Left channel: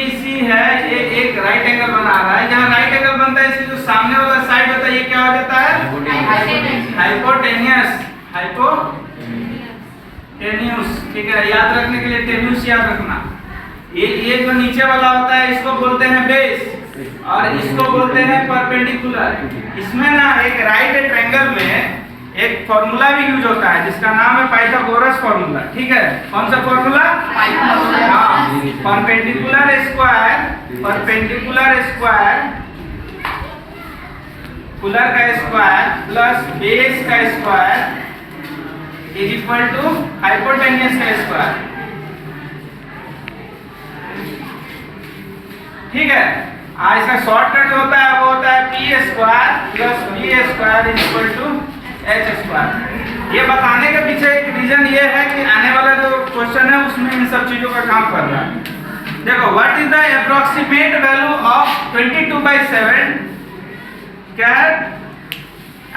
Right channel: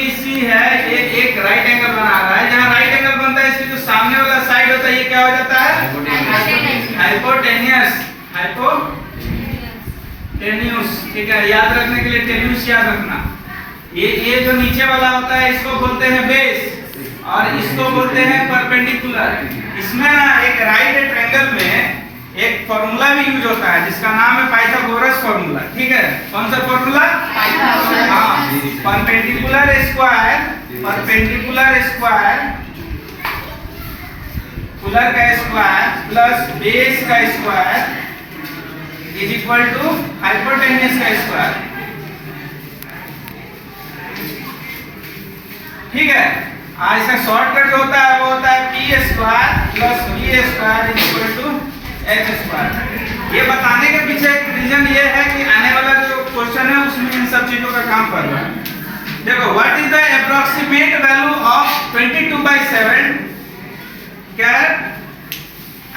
ABC है, ये एक राइट एंगल बना रहा है। जहाँ राइट एंगल बनता है इसके जो सामने वाला साइड होता है ये क्या हो जाता है? हाइपोटेन्यूस। हाइपोटेन्यूस, ठीक है। याद रखने के लिए टेन्यूस याद रखना। ये जो नीचे वाला होता है इसको बोलते हैं बेस और इसको बोलते हैं परपेंडिकुलर। इसमें ना एक राइट ट्रायंगल में एक फॉर्मूला भी यूज होता है जिसका नाम है पाइथागोरस फॉर्मूला, ठीक है। कौन सा फॉर्मूला? परपेंडिकुलर स्क्वायर पुलर का स्क्वायर प्लस बेस का square is equal to hypotenuse का स्क्वायर, ठीक है। इसका शॉर्टकट जो होता है वो होता है P square plus B square is equal to H square. ये बताने के पीछे एक रीजन ये है कि आने वाला जो क्वेश्चन है उसमें इन सब चीजों का काम कर रहा है। देखो, what is the approximate value of 22/7? क्या है?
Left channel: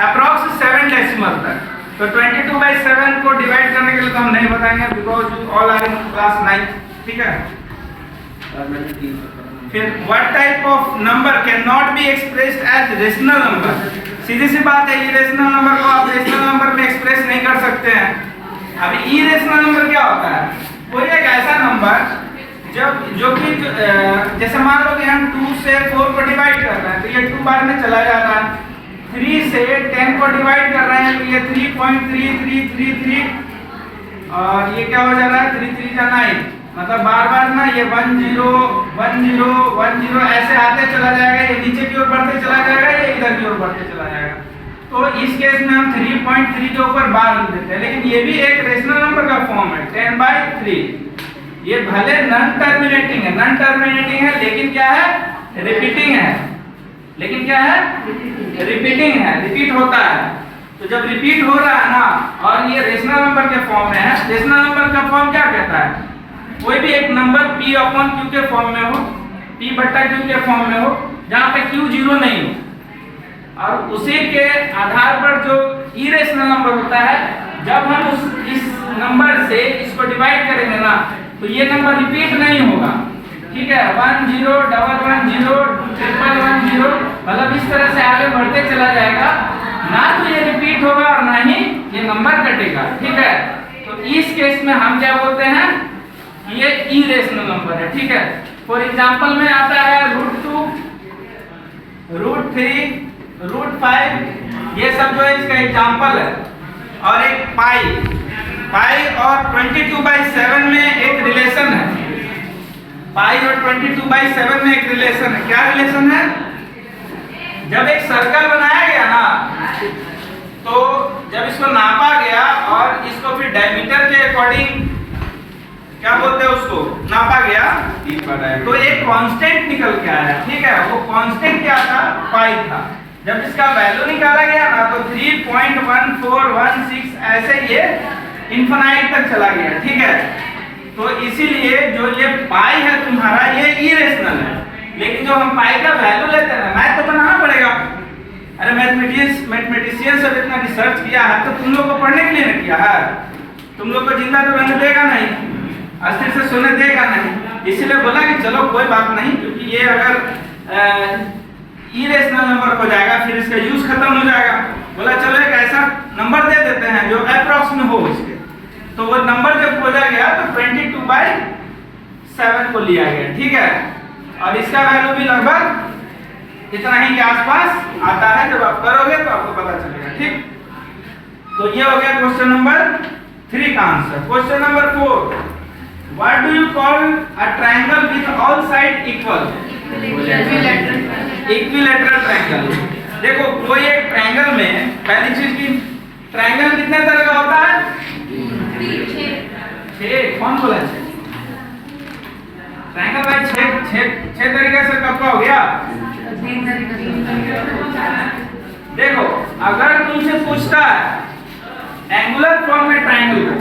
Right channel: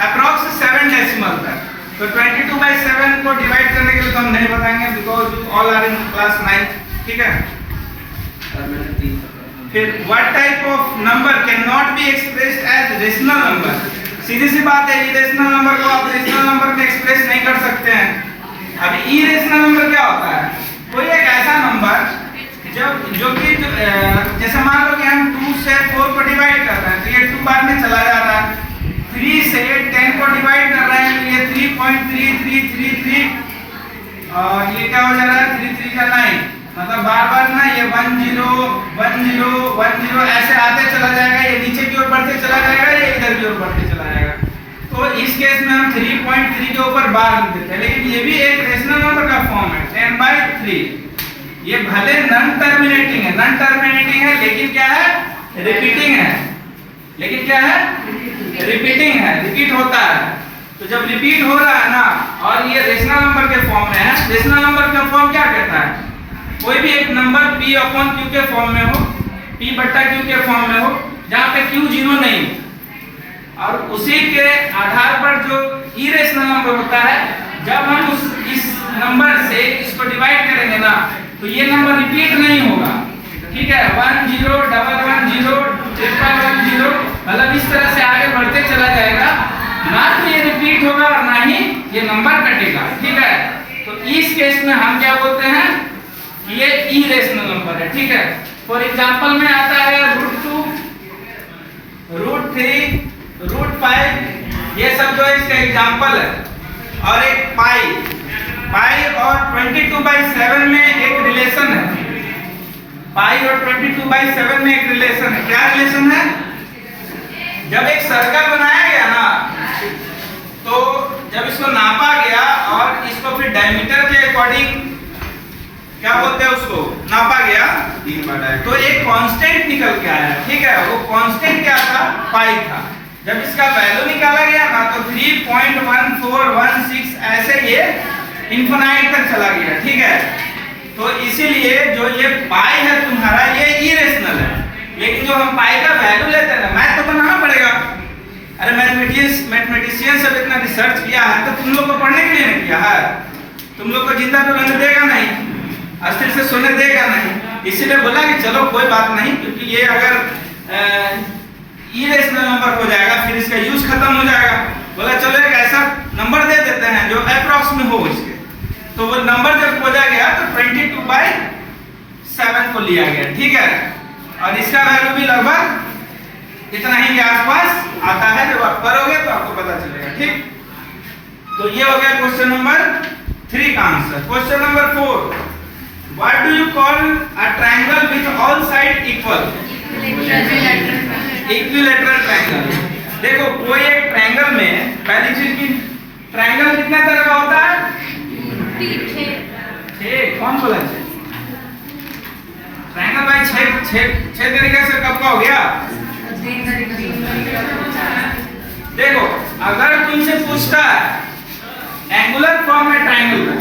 अप्रोक्स 7 डेसिमल तक। तो 22/7 को डिवाइड करने के लिए तो हम नहीं बताएंगे because you all are in class 9, ठीक है। फिर what type of number can not be expressed as rational number? सीधी सी बात है, इरेशनल नंबर को आप रेशनल नंबर में एक्सप्रेस नहीं कर सकते हैं। अब इरेशनल नंबर क्या होता है? कोई एक ऐसा नंबर जो कि जैसे मान लो कि हम 2 से 4 को डिवाइड कर रहे हैं तो ये 2 बार में चला जा रहा है। 3 से 10 को डिवाइड कर रहे हैं तो ये 3.3333 और ये क्या हो जा रहा है? 3 3 का 9, मतलब बार बार ना ये 1 0 1 0 1 0 ऐसे आते चला जाएगा। ये नीचे की ओर बढ़ते चला जाएगा, ये इधर की ओर बढ़ते चला जाएगा। तो इस केस में हम 3.3 के ऊपर बार लिख देते हैं, लेकिन ये भी एक रेशनल नंबर का फॉर्म है 10/3। ये भले नॉन टर्मिनेटिंग है लेकिन क्या है? रिपीटिंग है। लेकिन क्या है? रिपीटिंग है, रिपीट होता है। तो जब रिपीट हो रहा है ना और ये रेशनल नंबर के फॉर्म में है, रेशनल नंबर का फॉर्म क्या कहता है? कोई भी एक नंबर P/Q के फॉर्म में हो, P/Q के फॉर्म में हो जहाँ पे Q 0 नहीं हो, और उसी के आधार पर जो इरेशनल नंबर होता है जब हम इस नंबर से इसको डिवाइड करेंगे ना तो ये नंबर रिपीट नहीं होगा, ठीक है। 1 0 1 1 0 1 1 0 मतलब इस तरह से आगे बढ़ते चला जाएगा, ना तो ये रिपीट होगा और ना ही ये नंबर कटेगा, ठीक है। तो इस केस में हम क्या बोलते हैं? ये इरेशनल नंबर है, ठीक है। फॉर एग्जांपल में आता है √2 √3 √5, ये सब जो है इसका एग्जांपल है। और एक पाई और 22/7 में एक रिलेशन है। पाई और 22/7 में एक रिलेशन है। क्या रिलेशन है? जब एक सर्कल बनाया गया ना तो जब इसको नापा गया और इसको फिर डायमीटर के अकॉर्डिंग क्या बोलते हैं उसको नापा गया तो एक कांस्टेंट निकल के आया, ठीक है। वो कांस्टेंट क्या था? पाई था। जब इसका वैल्यू निकाला गया ना तो 3.1416 ऐसे ये इनफिनाइट तक चला गया, ठीक है। तो इसीलिए जो ये पाई है तुम्हारा ये इरेशनल है, लेकिन जो हम पाई का वैल्यू लेते हैं ना, मैथ तो बनाना पड़ेगा। अरे मैथमेटिशियन सब इतना रिसर्च किया है तो तुम लोग को पढ़ने के लिए नहीं किया है? तुम लोग को जिंदा तो रहने देगा नहीं, अस्थिर से सोने देगा नहीं। इसीलिए बोला कि चलो कोई बात नहीं, क्योंकि ये अगर इरेशनल नंबर हो जाएगा फिर इसका यूज खत्म हो जाएगा। बोला चलो एक ऐसा नंबर दे देते हैं जो अप्रॉक्स में हो इसके। तो वो नंबर जब खोजा गया तो 22/7 को लिया गया, ठीक है। और इसका वैल्यू भी लगभग इतना ही के आसपास आता है। जब आप करोगे तो आपको पता चलेगा, ठीक। तो ये हो गया क्वेश्चन नंबर 3 का answer. Question number 4, what do you call a triangle with all side equal? Equilateral triangle. देखो, कोई एक ट्रायंगल में पहली चीज की ट्रायंगल कितने तरह का होता है? 6। कौन बोला 6? ट्रायंगल भाई 6 तरीके से कब का हो गया? देखो, अगर तुमसे पूछता है एंगुलर फॉर्म में ट्रायंगल को,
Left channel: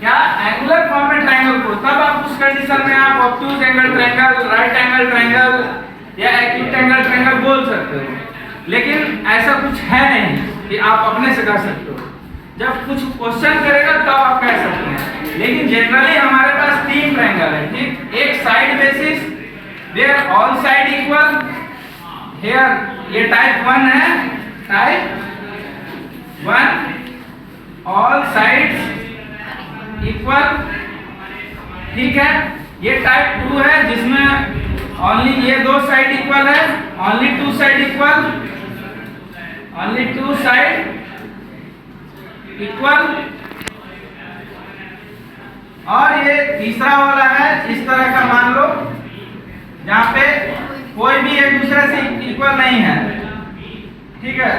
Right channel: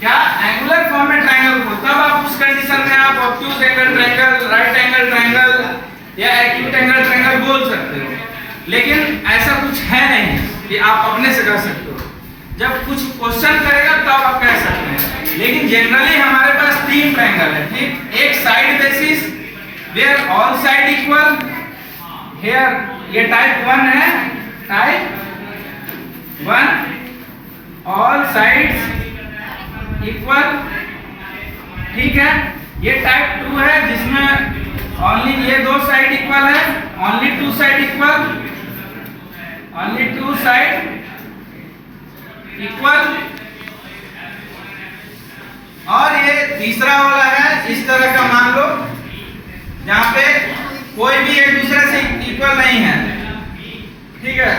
क्या एंगुलर फॉर्म में ट्रायंगल को, तब आप उस कंडीशन में आप obtuse angle triangle, right angle triangle या एक्यूट एंगल ट्रायंगल बोल सकते हो। लेकिन ऐसा कुछ है नहीं कि आप अपने से कह सकते हो। जब कुछ क्वेश्चन करेगा तब आप कह सकते हैं। लेकिन जनरली हमारे पास 3 ट्रायंगल है, ठीक। एक side basis, where all side equal, here ये टाइप 1 है, टाइप 1 all sides equal, ठीक है। ये टाइप 2 है जिसमें ओनली ये दो साइड इक्वल है, only two side equal, only two side equal. और ये तीसरा वाला है, इस तरह का मान लो जहां पे कोई भी एक दूसरे से इक्वल नहीं है, ठीक है।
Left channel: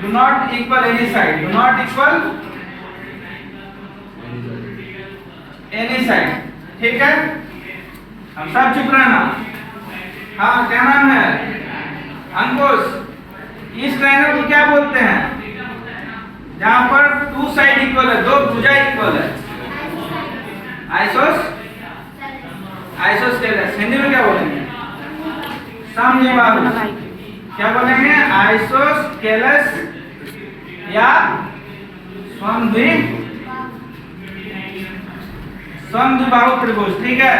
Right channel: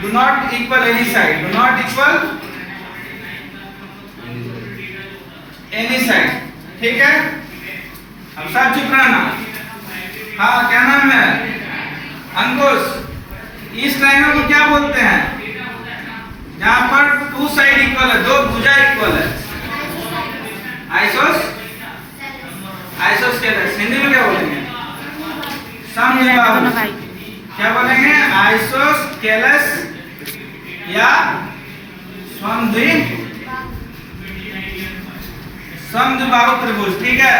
Do not equal any side, do not equal any side, ठीक है। अब सब चुप रहना। हाँ, क्या नाम है? अंकुश। इस ट्रायंगल को क्या बोलते हैं जहां पर टू साइड इक्वल है, दो भुजा इक्वल है? आइसोस, आइसोस्केलस। हिंदी में क्या बोलेंगे? समद्विबाहु। क्या बोलेंगे? आइसोस्केलस या समद्विबाहु त्रिभुज, ठीक है।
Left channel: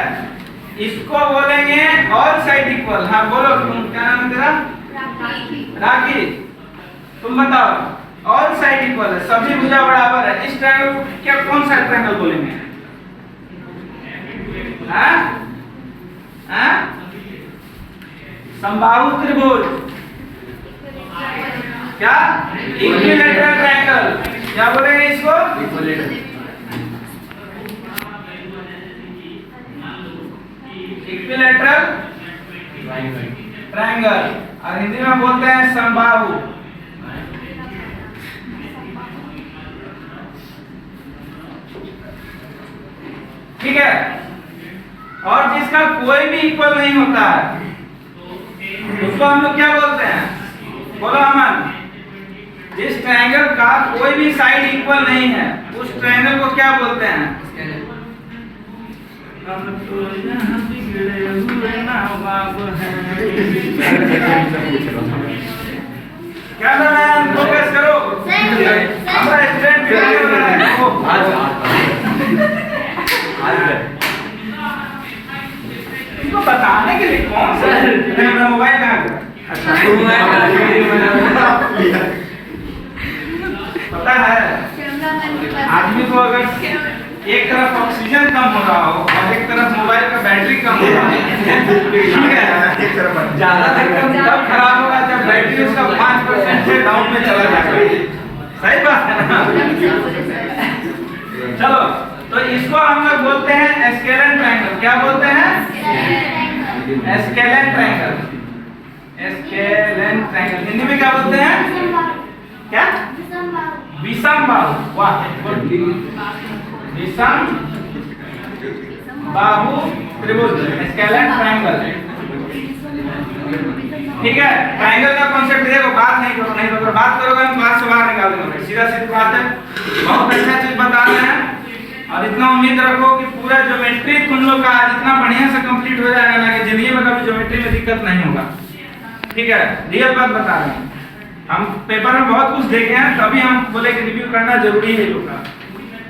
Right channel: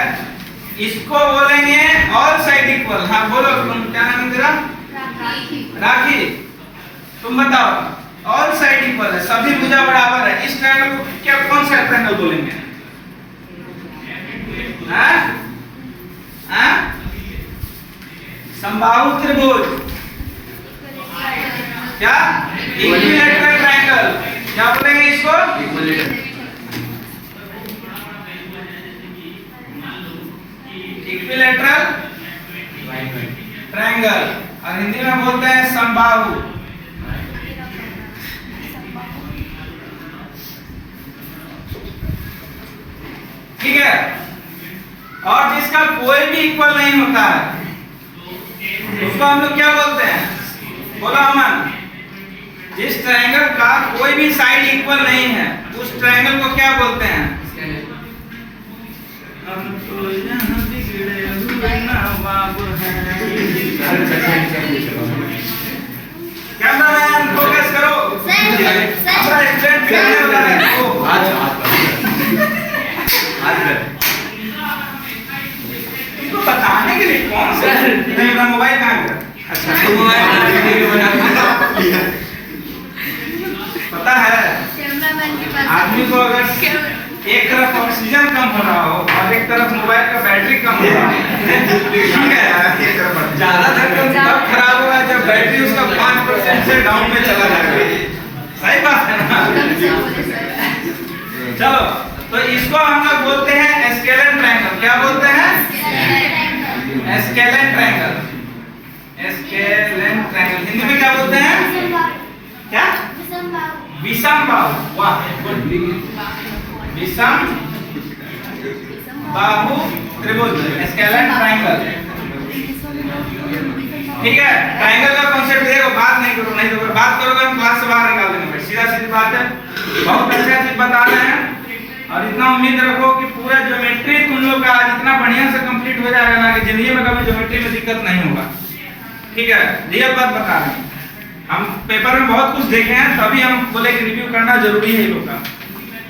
इसको बोलेंगे ऑल साइड इक्वल। हाँ बोलो, तुम क्या नाम है तेरा? राखी। तुम बताओ, ऑल साइड इक्वल है, सभी भुजा बराबर है, इस ट्रायंगल को क्या, कौन सा ट्रायंगल बोलेंगे? हाँ हाँ, समबाहु त्रिभुज। क्या? Equilateral triangle. क्या बोलेंगे इसको? इक्विलैटरल ट्रायंगल, और हिंदी में बोलते हैं समबाहु। ठीक है। और जिसका कोई भी इक्वल नहीं होता है उसको हम लोग क्या बोलते हैं? बोलो अमन। जिस ट्रायंगल का कोई भी साइड इक्वल नहीं है उस ट्रायंगल को क्या बोलते हैं? हम तो यहाँ बिगड़े हुए नवाब हैं। कैमरामैन फोकस करो। हमारा स्टूडेंट बिगड़ने वाला है। आज तुमको बताने के लिए कौन सा मेरा मोबाइल कहाँ गया? अच्छा, पता है आदमी को अगर एक तरफ ऑक्सीजन कम हो रहा हो और एक तरफ मोबाइल का बैटरी कम हो रहा हो, ठीक है, ज्यादा तब खराब होगा जब बैटरी उसका 5% से डाउन में चला जाएगा। सही बात है ना? चलो, तो इसको हम लोग बोलते हैं स्केलेन ट्रायंगल। क्या बोलते हैं? Scalene triangle. Scalene triangle Hindi में क्या बोलते हैं? क्या? विषमबाहु। वाह, विषमबाहु त्रिभुज, स्केलेन ट्रायंगल। ठीक है। ट्रायंगल का कॉन्सेप्ट देखो, बात नहीं करो, नहीं तो अगर बात करोगे हम क्लास से बाहर निकाल देंगे। सीधा सीधी बात है, बहुत अच्छा चीज बता रहे हैं। और इतना उम्मीद रखो कि पूरा ज्योमेट्री तुम लोग का आज इतना बढ़िया से कंप्लीट हो जाएगा ना कि जिंदगी में कभी ज्योमेट्री में दिक्कत नहीं होगा। ठीक है, रियल बात बता रहे हैं। हम पेपर में बहुत कुछ देखे हैं, तभी हम बोले कि रिव्यू करना जरूरी है लोग का।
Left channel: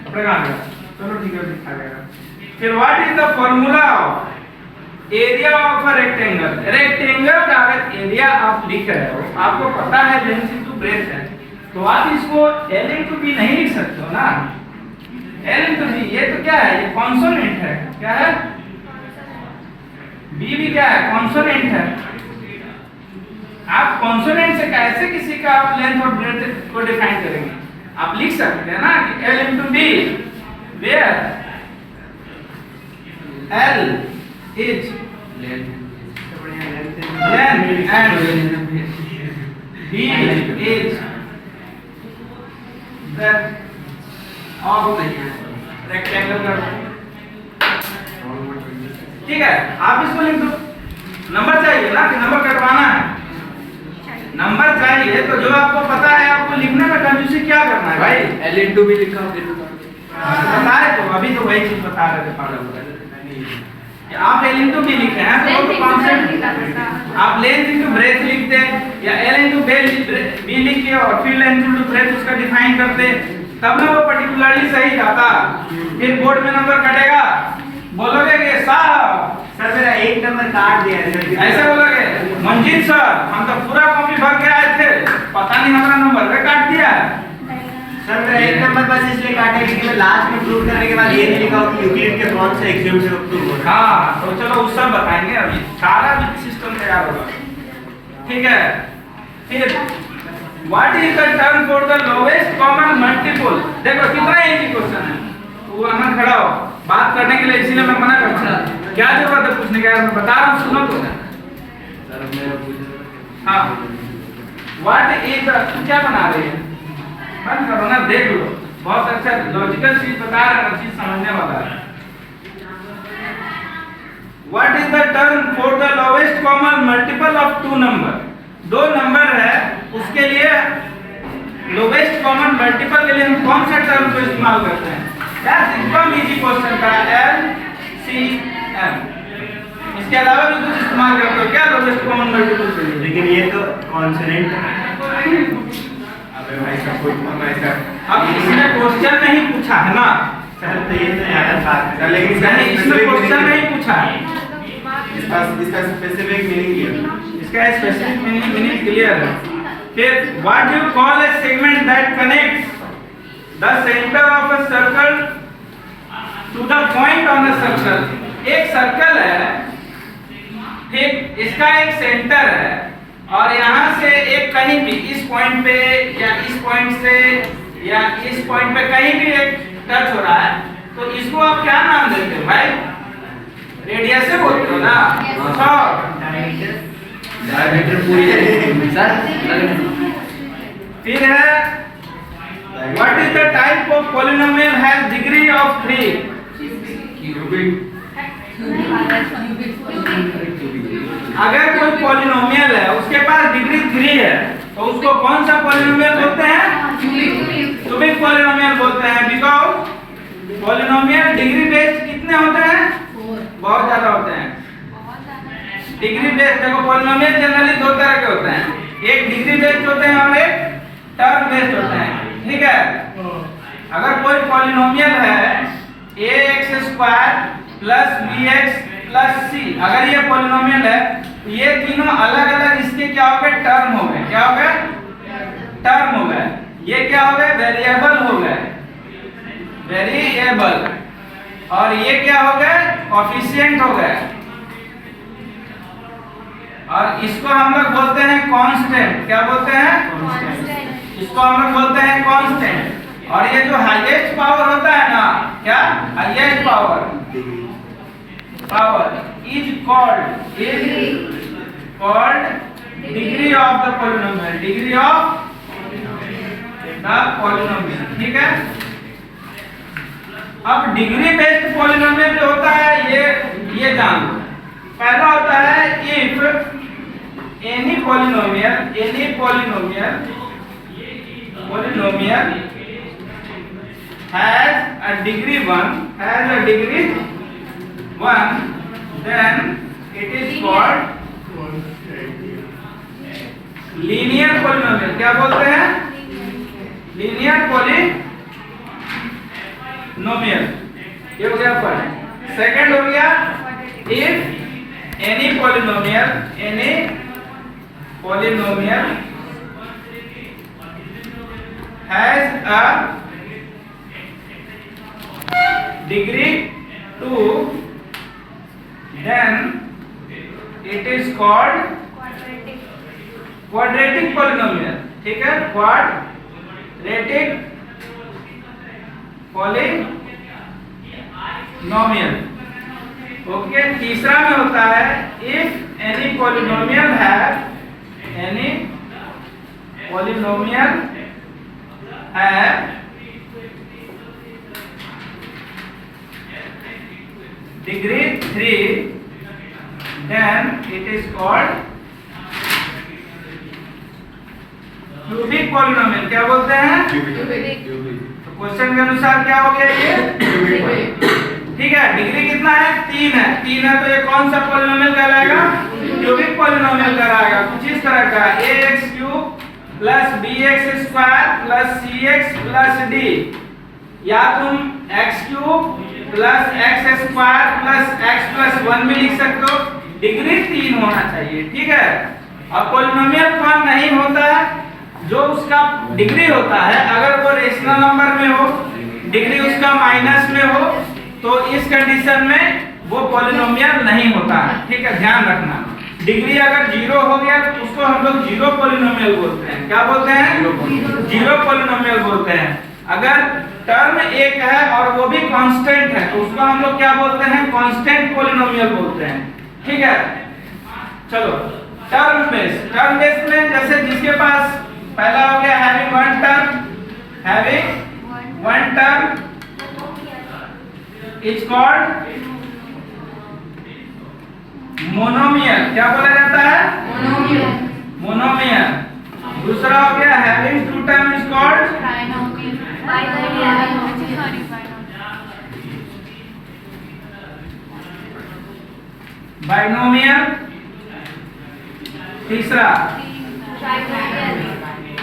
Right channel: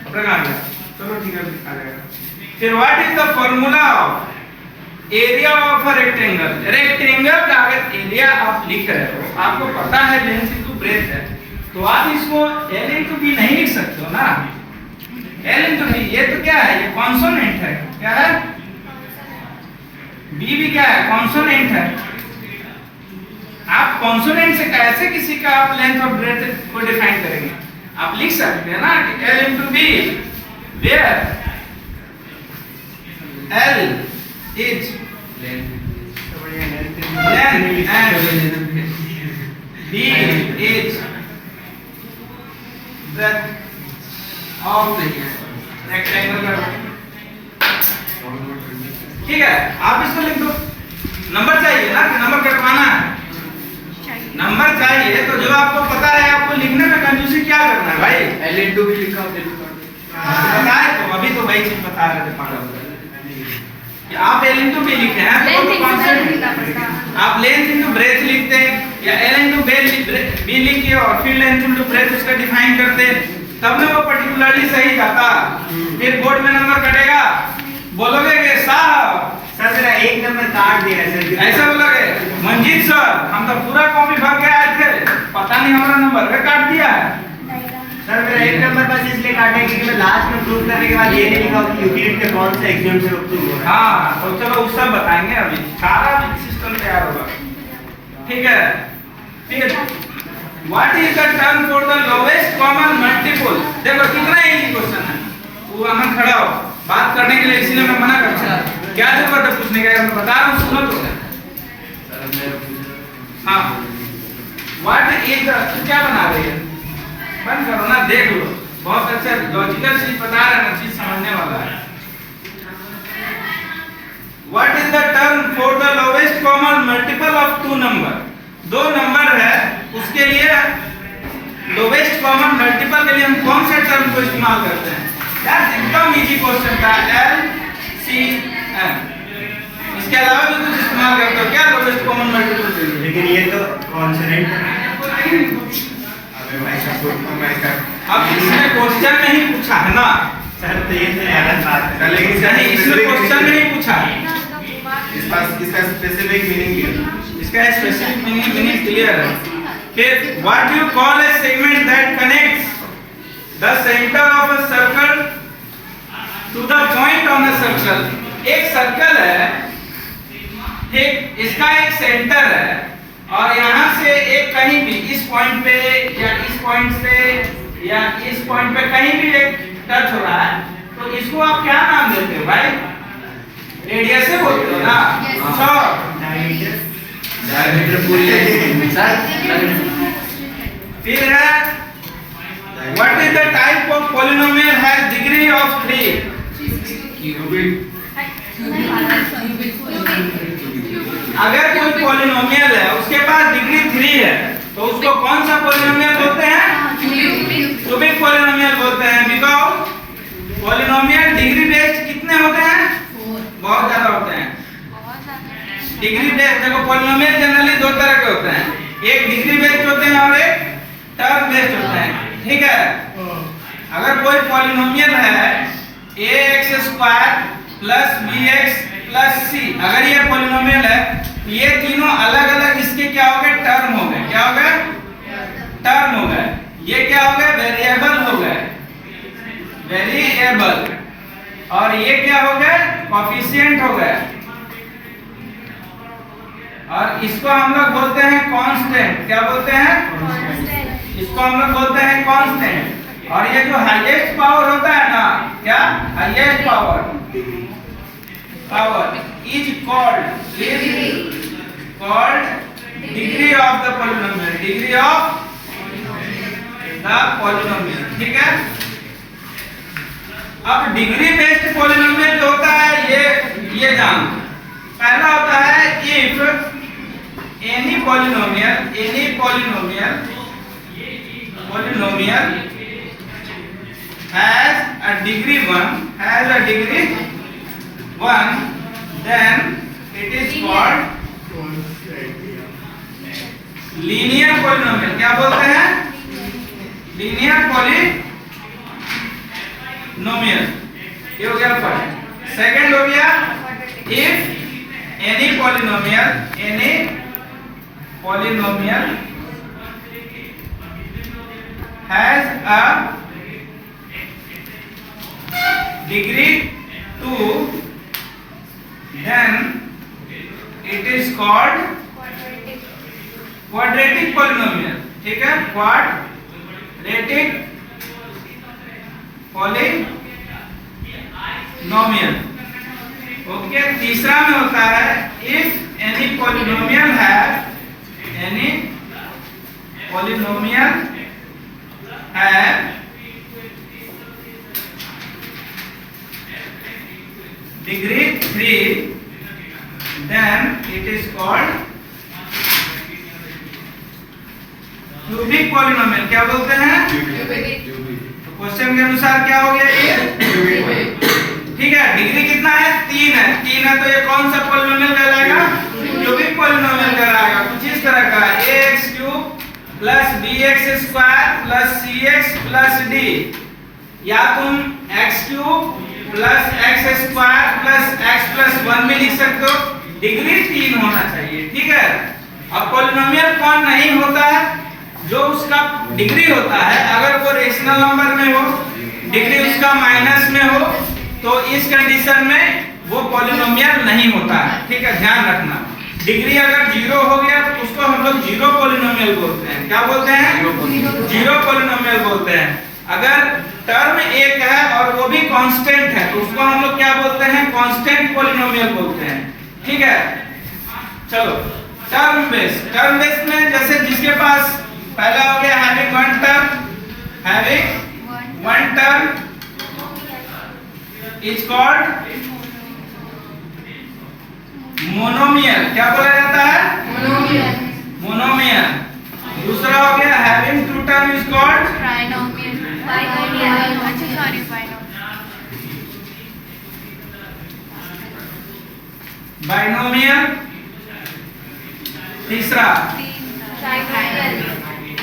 अपने कहाँ गया? चलो ठीक है, आ जाएगा। फिर what is the formula of area of a rectangle? Rectangle का अगर एरिया आप लिख रहे हो, आपको पता है लेंथ इनटू ब्रेथ है, तो आप इसको L इनटू B नहीं लिख सकते हो ना। L इनटू B, ये तो क्या है? ये कॉन्सोनेंट है। क्या है? B भी क्या है? कॉन्सोनेंट है। आप कॉन्सोनेंट से कैसे किसी का आप लेंथ और ब्रेथ को डिफाइन करेंगे? आप लिख सकते हैं ना कि L into B, where L is length and B is breadth of rectangle का। ठीक है, आप इसको लिख दो। नंबर चाहिए ना कि नंबर कटवाना है? नंबर चाहिए तो जो आपको पता है आपको लिखने में कंजूसी क्या करना है भाई? L into भी लिखा हो बताए तो अभी तो वही चीज बता रहे थे पागल। आप L into B लिखे हैं तो आप लेंथ इनटू ब्रेथ लिखते या L into B लिख के और फिर लेंथ इनटू ब्रेथ उसका डिफाइन करते, तब ना वो पर्टिकुलरली सही जाता। फिर बोर्ड में नंबर कटेगा, बोलोगे कि साहब सर मेरा एक नंबर काट दिया है सर। ऐसे बोला गया मंजीत सर, हम तो पूरा कॉपी भर के आए थे, पता नहीं हमारा नंबर वे काट दिया। सर मेरा एक नंबर बस इसलिए काटा है क्योंकि मैं लास्ट में प्रूव करने के बाद ये नहीं लिखा कि यूक्लिड के कौन सा एग्जाम से प्रूव हो रहा है। हाँ तो चलो उस सब बताएंगे, अभी सारा सिस्टम तैयार होगा, ठीक है। फिर what is the term for the lowest common multiple. देखो कितना इजी क्वेश्चन है, वो हम खड़ा हो बात करने के लिए, इसीलिए मैं मना कर रहा हूँ। क्या जरूरत है पूछने का, यार मैं बता रहा हूँ, सुनो तो। हाँ व्हाट इज द, क्या बना रहे हैं, बंद करो ना, देख लो, बहुत अच्छा लॉजिकल चीज बता रहे हैं, चीज समझने वाला है। What is the term for the lowest common multiple of two number. दो नंबर है उसके लिए लोवेस्ट कॉमन मल्टीपल के लिए हम कौन सा टर्म को इस्तेमाल करते हैं। दैट्स एकदम इजी क्वेश्चन था, LCM। इसके अलावा भी कुछ इस्तेमाल करते हो क्या लोवेस्ट कॉमन मल्टीपल के लिए? लेकिन ये तो कॉन्सोनेंट है। अब इसमें क्वेश्चन में ही पूछा है ना सर, तो ये तो अलग बात है, लेकिन नहीं, इसमें क्वेश्चन में ही पूछा है, इसका स्पेसिफिक मीनिंग है, इसका स्पेसिफिक मीनिंग क्लियर है। फिर what you call a segment that connects the centre of a circle to the point on the circle. एक सर्कल है, ठीक, इसका एक सेंटर है और यहाँ से एक कहीं भी इस पॉइंट पे या इस पॉइंट से या इस पॉइंट पे कहीं भी एक टच हो रहा है, तो इसको आप क्या नाम देते हो भाई? रेडियस से बोलते हो ना। फिर है what is the type of polynomial has degree of 3। अगर कोई पॉलिनोमियल है उसके पास डिग्री 3 है तो उसको कौन सा पॉलिनोमियल बोलते हैं? क्यूबिक पॉलिनोमियल बोलते हैं। बिकॉज़ पॉलिनोमियल डिग्री बेस्ड कितने होते हैं? बहुत ज्यादा होते हैं। डिग्री बेस्ड, देखो पॉलिनोमियल जनरली दो तरह के होते हैं, एक डिग्री बेस्ड होते हैं और एक टर्म बेस्ड होते हैं, ठीक है। अगर कोई पॉलिनोमियल है ax² plus bx plus c, अगर ये पॉलिनोमियल है तो ये तीनों अलग अलग इसके क्या हो गए? टर्म हो गए। क्या हो गए? टर्म हो गए। ये क्या हो गए? वेरिएबल हो गए, वेरिएबल। और ये क्या हो गए? कोफिशिएंट हो गए। और इसको हम लोग बोलते हैं कांस्टेंट। क्या बोलते हैं? इसको हम लोग बोलते हैं कांस्टेंट। और ये जो हाईएस्ट पावर होता है ना, क्या highest power is called degree of the polynomial, degree of the polynomial, ठीक है। अब डिग्री बेस्ड पॉलिनोमियल जो होता है ये जान, पहला होता है if any polynomial has a degree 1, then it is called linear polynomial। क्या बोलते हैं? linear polynomial। ये हो गया फर्स्ट। सेकंड हो गया if any polynomial has a degree 2, then it is called quadratic polynomial, ठीक है। quadratic polynomial, okay. तीसरा में होता है if any polynomial have degree 3, then it is called cubic polynomial. क्या बोलते हैं? तो क्वेश्चन के अनुसार क्या हो गया ये? ठीक है। डिग्री कितना है? 3 है। 3 है तो ये कौन सा पॉलिनोमियल कहलाएगा? क्यूबिक पॉलिनोमियल कहलाएगा। कुछ इस तरह का ax³ plus bx² plus cx plus d, या तुम x³ plus x square plus x plus 1 भी लिख सकते हो। डिग्री 3 होना चाहिए, ठीक है। अब पॉलिनोमियल फॉर्म नहीं होता है, जो उसका डिग्री होता है अगर वो रेशनल नंबर में हो, डिग्री उसका माइनस में हो, तो इस कंडीशन में वो पॉलिनोमियल नहीं होता है, ठीक है, ध्यान रखना। डिग्री अगर 0 हो गया तो उसको हम लोग जीरो पॉलिनोमियल बोलते हैं। क्या बोलते हैं? जीरो पॉलिनोमियल बोलते हैं। अगर टर्म एक है और वो भी कांस्टेंट है तो उसको हम लोग क्या बोलते हैं? कांस्टेंट पॉलिनोमियल बोलते हैं, ठीक है। चलो टर्म बेस में जैसे जिसके पास पहला हो गया having one term is called monomial. क्या बोला जाता है? मोनोमियल। दूसरा हो गया having two term is called binomial. तीसरा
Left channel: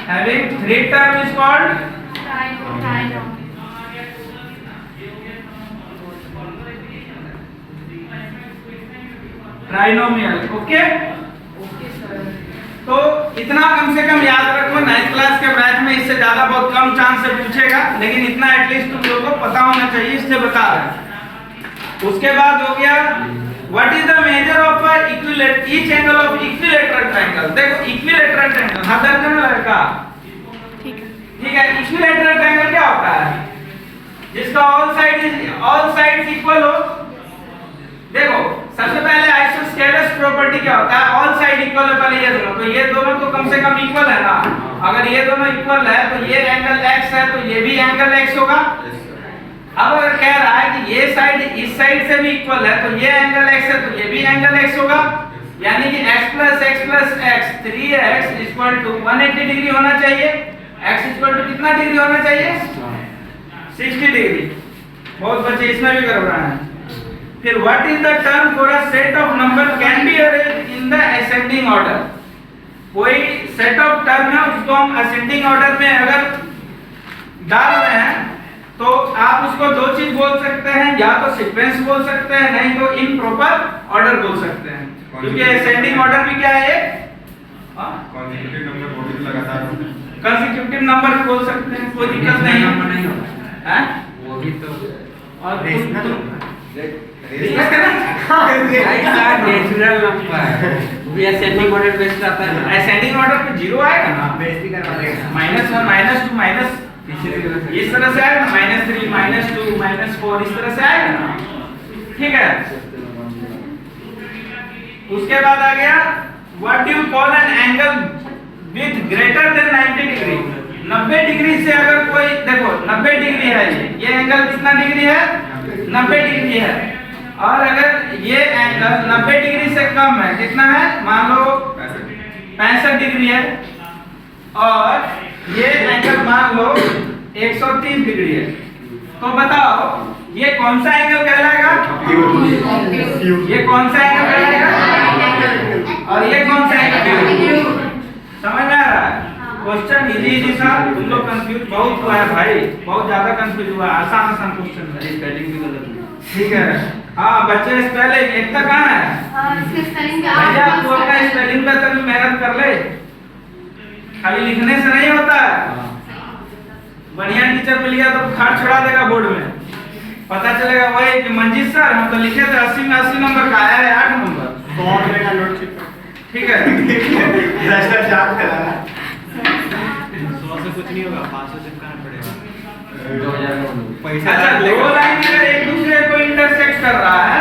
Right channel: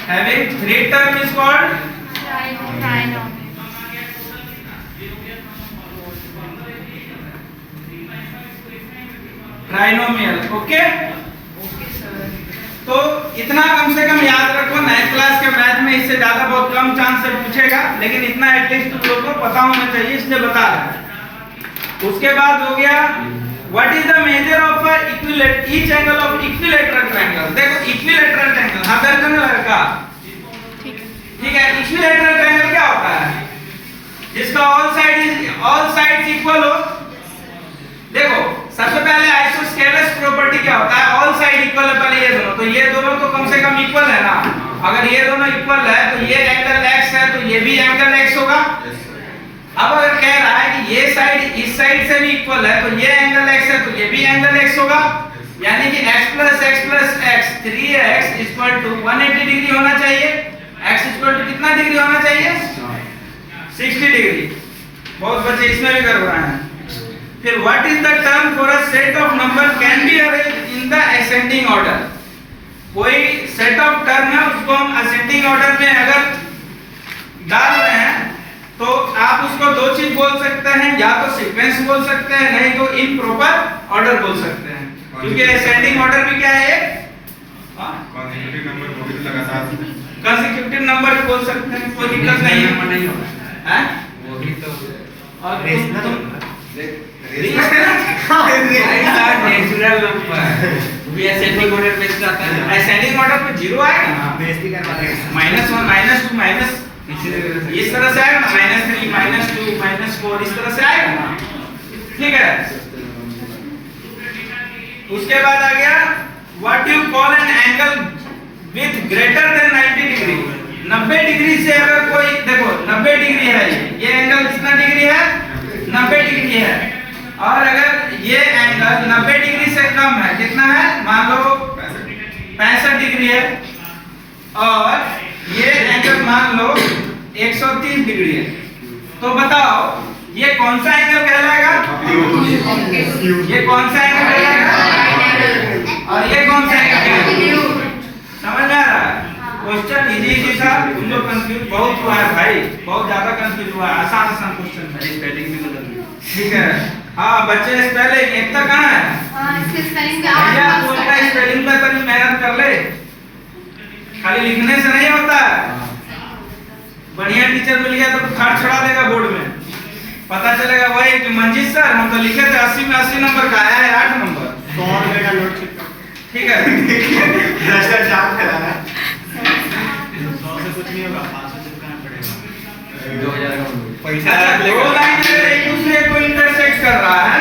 having three term is called trinomial. Okay, तो इतना कम से कम याद रखो। 9th क्लास के मैथ में इससे ज्यादा बहुत कम चांस से पूछेगा, लेकिन इतना एटलीस्ट तुम लोगों को पता होना चाहिए, इसलिए बता रहा है। उसके बाद हो गया what is the measure of each angle of equilateral triangle. देखो इक्विलेटरल ट्रायंगल, हाँ दर्जन लड़का, ठीक है। इक्विलेटरल ट्रायंगल क्या होता है? जिसका ऑल साइड्स इक्वल हो। देखो सबसे पहले आइसोस्केलेस प्रॉपर्टी क्या होता है? ऑल साइड इक्वल है, पहले ये दोनों, तो ये दोनों तो कम से कम इक्वल है ना। अगर ये दोनों इक्वल है तो ये एंगल x है तो ये भी एंगल x होगा। अब अगर कह रहा है कि ये साइड इस साइड से भी इक्वल है तो ये एंगल x है तो ये भी एंगल x होगा, यानी कि x plus x 3x equal to 180 degree होना चाहिए। x इक्वल टू कितना डिग्री होना चाहिए? 60 डिग्री। बहुत बच्चे इसमें भी कर रहे हैं। फिर what is the term for a set of number can be arranged in the ascending order. कोई सेट ऑफ टर्म है उसको हम असेंडिंग ऑर्डर में अगर डाल रहे हैं तो आप उसको दो चीज बोल सकते हैं, या तो सीक्वेंस बोल सकते हैं, नहीं तो इम्प्रॉपर ऑर्डर बोल सकते हैं, क्योंकि असेंडिंग ऑर्डर भी क्या है? कंसेक्यूटिव नंबर भी बोल सकते हैं, कोई दिक्कत नहीं है। वो भी तो और नेचुरल नंबर भी असेंडिंग ऑर्डर पे आता है। असेंडिंग ऑर्डर पे 0 आएगा ना, बेइज्जती करना पड़ेगा। -1 -2 इस तरह से आएगा ना, -3 -2 -4 इस तरह से आएगा ना, ठीक है। उसके बाद आ गया what you call an angle with greater than 90 degree. 90 degree से अगर कोई, देखो 90 डिग्री है, ये एंगल कितना डिग्री है? 90 डिग्री है। और अगर ये एंगल 90 डिग्री से कम है, कितना है? मान लो 65 डिग्री है, और ये एंगल मान लो 130 डिग्री है, तो बताओ ये कौन सा एंगल कहलाएगा? ये कौन सा एंगल कहलाएगा? और ये कौन सा एंगल? समझ आ रहा है? क्वेश्चन इजी था, तुम लोग कंफ्यूज बहुत हुआ है भाई, बहुत ज्यादा कंफ्यूज हुआ है। आसान क्वेश्चन है, स्पेलिंग भी बदल गई, ठीक है। हाँ बच्चे स्पेलिंग एक तक कहाँ है? भैया तू अपना स्पेलिंग पे तभी मेहनत कर ले, खाली लिखने से नहीं होता है। बढ़िया टीचर मिल गया तो बुखार छुड़ा देगा बोर्ड में, पता चलेगा वही कि मंजीत सर हम तो लिखे थे 80 में 80 नंबर का, आया है 8 नंबर। 100 रुपए का नोट छिपा, ठीक है। भ्रष्टाचार कराया। 100 से कुछ नहीं होगा, 500 से कितना पड़ेगा? 2000 पैसा। अच्छा, दो लाइन अगर एक दूसरे को इंटरसेक्ट कर रहा है,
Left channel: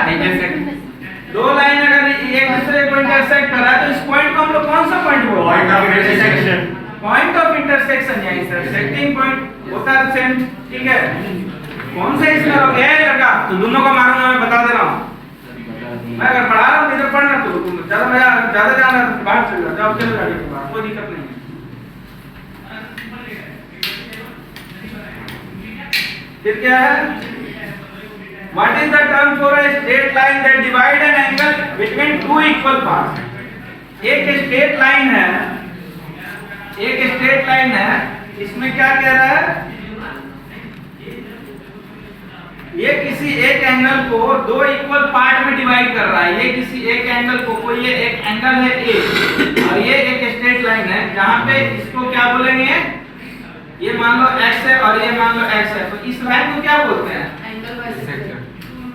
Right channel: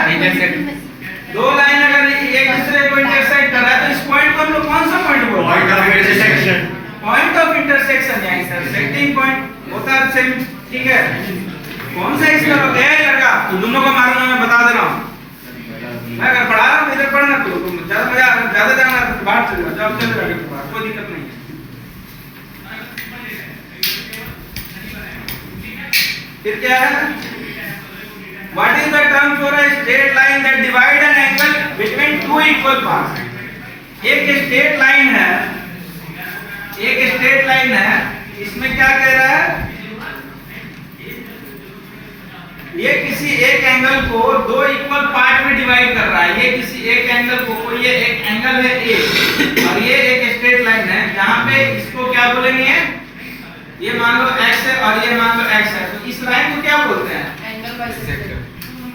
दो लाइन अगर एक दूसरे को इंटरसेक्ट कर रहा है तो इस पॉइंट को हम लोग कौन सा पॉइंट बोलते हैं? Point of intersection. Point of intersection या इंटरसेक्टिंग पॉइंट होता है सेम, ठीक है। कौन सा इसमें है लड़का? तो दोनों को मारूंगा, मैं बता दे रहा हूँ। मैं अगर पढ़ा रहा हूँ इधर पढ़ना, तो तुम ज्यादा जाना तो बाहर चले जाओ, जब चले जाओगे तो बाहर, कोई दिक्कत नहीं है। फिर क्या है? What is the term for a straight line that divide an angle between two equal parts? एक स्ट्रेट लाइन है, एक स्ट्रेट लाइन है, इसमें क्या कह रहा है? ये किसी एक एंगल को दो इक्वल पार्ट में डिवाइड कर रहा है। ये किसी एक एंगल को, कोई ये एक एंगल है ए और ये एक स्ट्रेट लाइन है जहां पे इसको क्या बोलेंगे, ये मान लो x है और ये मान लो x है, तो इस लाइन को क्या बोलते हैं? Angle bisector.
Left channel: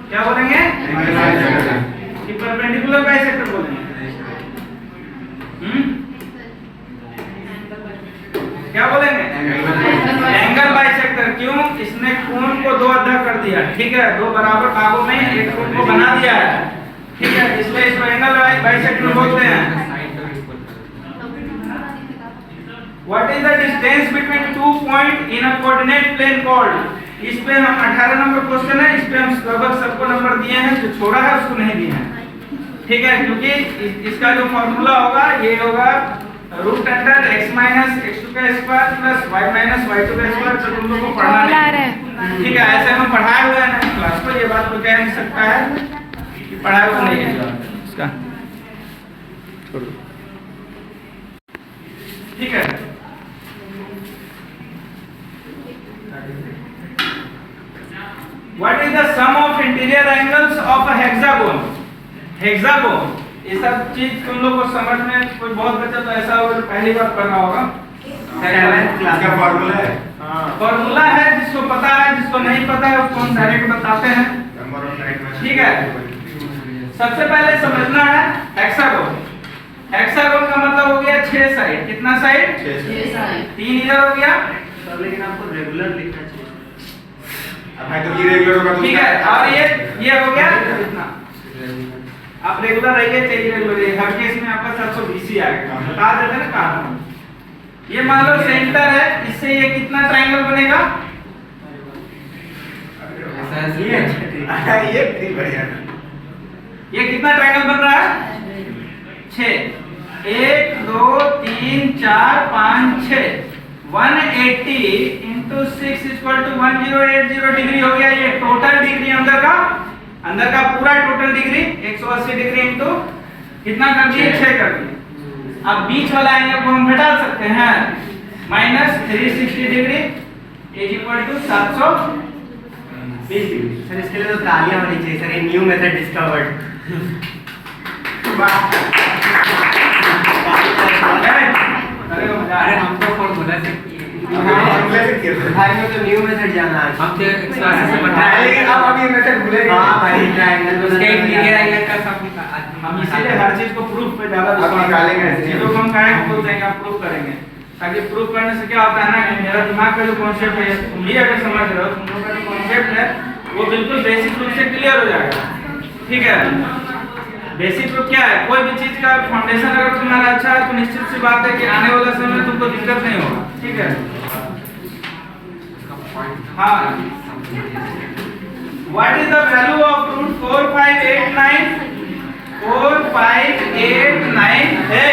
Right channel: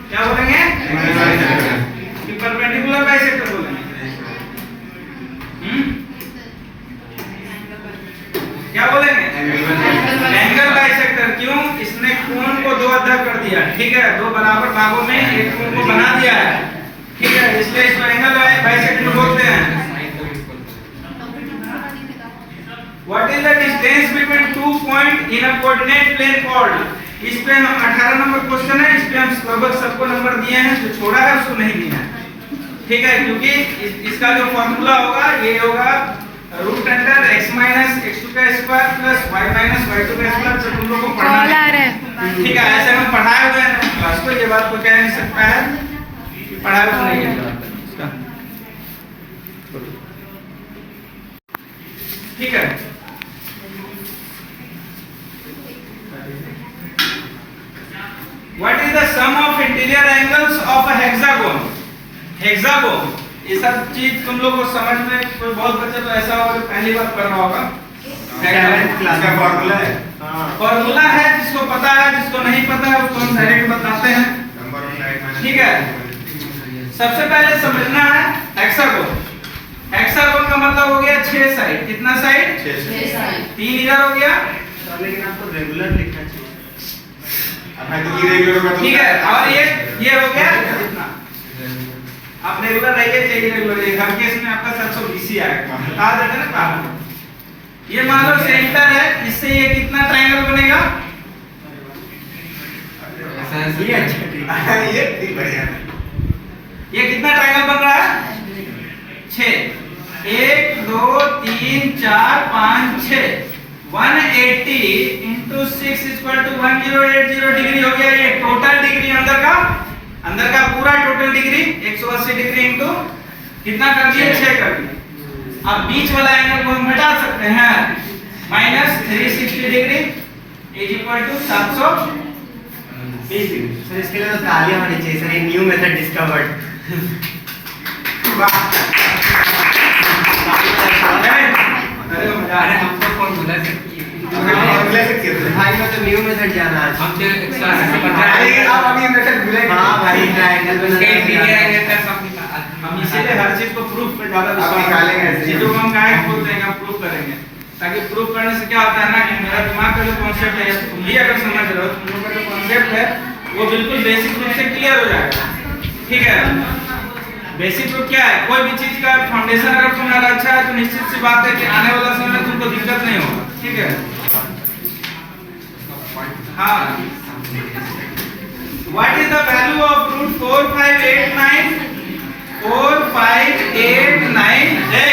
क्या बोलेंगे? Angle bisector. कि परपेंडिकुलर बाइसेक्टर बोलेंगे। क्या बोलेंगे? Angle bisector. क्यों? इसने कोण को दो अद्धा कर दिया, ठीक है, दो बराबर भागों में एक कोण को बना दिया है, ठीक है, इसलिए इसको एंगल बाइसेक्टर बोलते हैं। What is the distance between two points in a coordinate plane called? इस पे हम 18 नंबर क्वेश्चन है, इस पे हम लगभग सबको नंबर दिए हैं, जो छोड़ा है उसको नहीं दिए हैं, ठीक है, क्योंकि इसका जो फॉर्मूला होगा ये होगा root under x minus x2 का square plus y minus y2 का स्क्वायर। तो तुम लोग को पढ़ना कॉल आ है, रहा है। ठीक है, ऐसे हम पढ़ाए हुए हैं क्लास को, ये बात को कह नहीं सकता है कि पढ़ाए हुए नहीं है इसका, ठीक है। What is the sum of interior angles of a hexagon? Hexagon, ये सब चीज तुम लोग को समझ में कोई बहुत बच्चा तो ऐसा होगा जो पहली बार पढ़ रहा होगा। इसका फॉर्मूला है। फॉर्मूला है, जिसको पता है, जिसको नहीं पता है उसको हम डायरेक्ट बताते हैं, नंबर ऑफ राइट माइनस, ठीक है। सबसे पहले समझना है हेक्सागोन। हेक्सागोन का मतलब हो गया 6 साइड। कितना साइड? 6। 3 इधर हो गया, लेकिन आपको रेगुलर लिखना चाहिए। अब मैं तो इरेगुलर होगा तो ठीक है, और ये हो गया कितना? आप रेगुलर रहिए चाहे इरेगुलर रहिए, हर केस में आपका 720 ही आएगा, बता देते ना कारण। ये मान लो सेंटर है, इससे ये कितना ट्रायंगल बनेगा? ये ठीक बढ़िया। ये कितना ट्रायंगल बन रहा है? 6। 1 2 3 4 5 6। 180 into 6 इक्वल टू 1080 डिग्री हो गया। ये टोटल डिग्री अंदर का पूरा टोटल डिग्री 180 डिग्री इंटू कितना कर दिए? 6 कर दिए। अब बीच वाला एंगल को हम घटा सकते हैं, minus 360 degree is equal to 720 degree. Sir इसके लिए तो तालियां होनी चाहिए सर, ये न्यू मेथड डिस्कवर्ड। अरे मजा आ रहा है। हमको कौन बता सकती है? फॉर्मूला से कितना? भाई में तो न्यू मेथड जाना है। हम तो क्लास से पढ़ रहे लेकिन हैं। आप अभी मेथड भूलेंगे। हाँ भाई, ट्रायंगल उसके इंटीरियर एंगल का सब हम इसीलिए हर चीज को प्रूफ पे ज्यादा आप विश्वास निकालेंगे ऐसे। चीजों को हम काहे बोलते हैं, हम प्रूफ करेंगे, ताकि प्रूफ करने से क्या होता है ना कि मेरा दिमाग का जो कॉन्सेप्ट है तुम भी अगर समझ रहे हो, तुम लोग का जो कॉन्सेप्ट है वो बिल्कुल बेसिक रूप से क्लियर हो जाएगा, ठीक है। बेसिक रूप क्या है? कोई भी चीज का फाउंडेशन अगर तुम्हारा अच्छा है तो निश्चित सी बात है कि आने वाला समय में तुमको दिक्कत नहीं होगा, ठीक है। हाँ, what is the value of root 4589? 4589 है,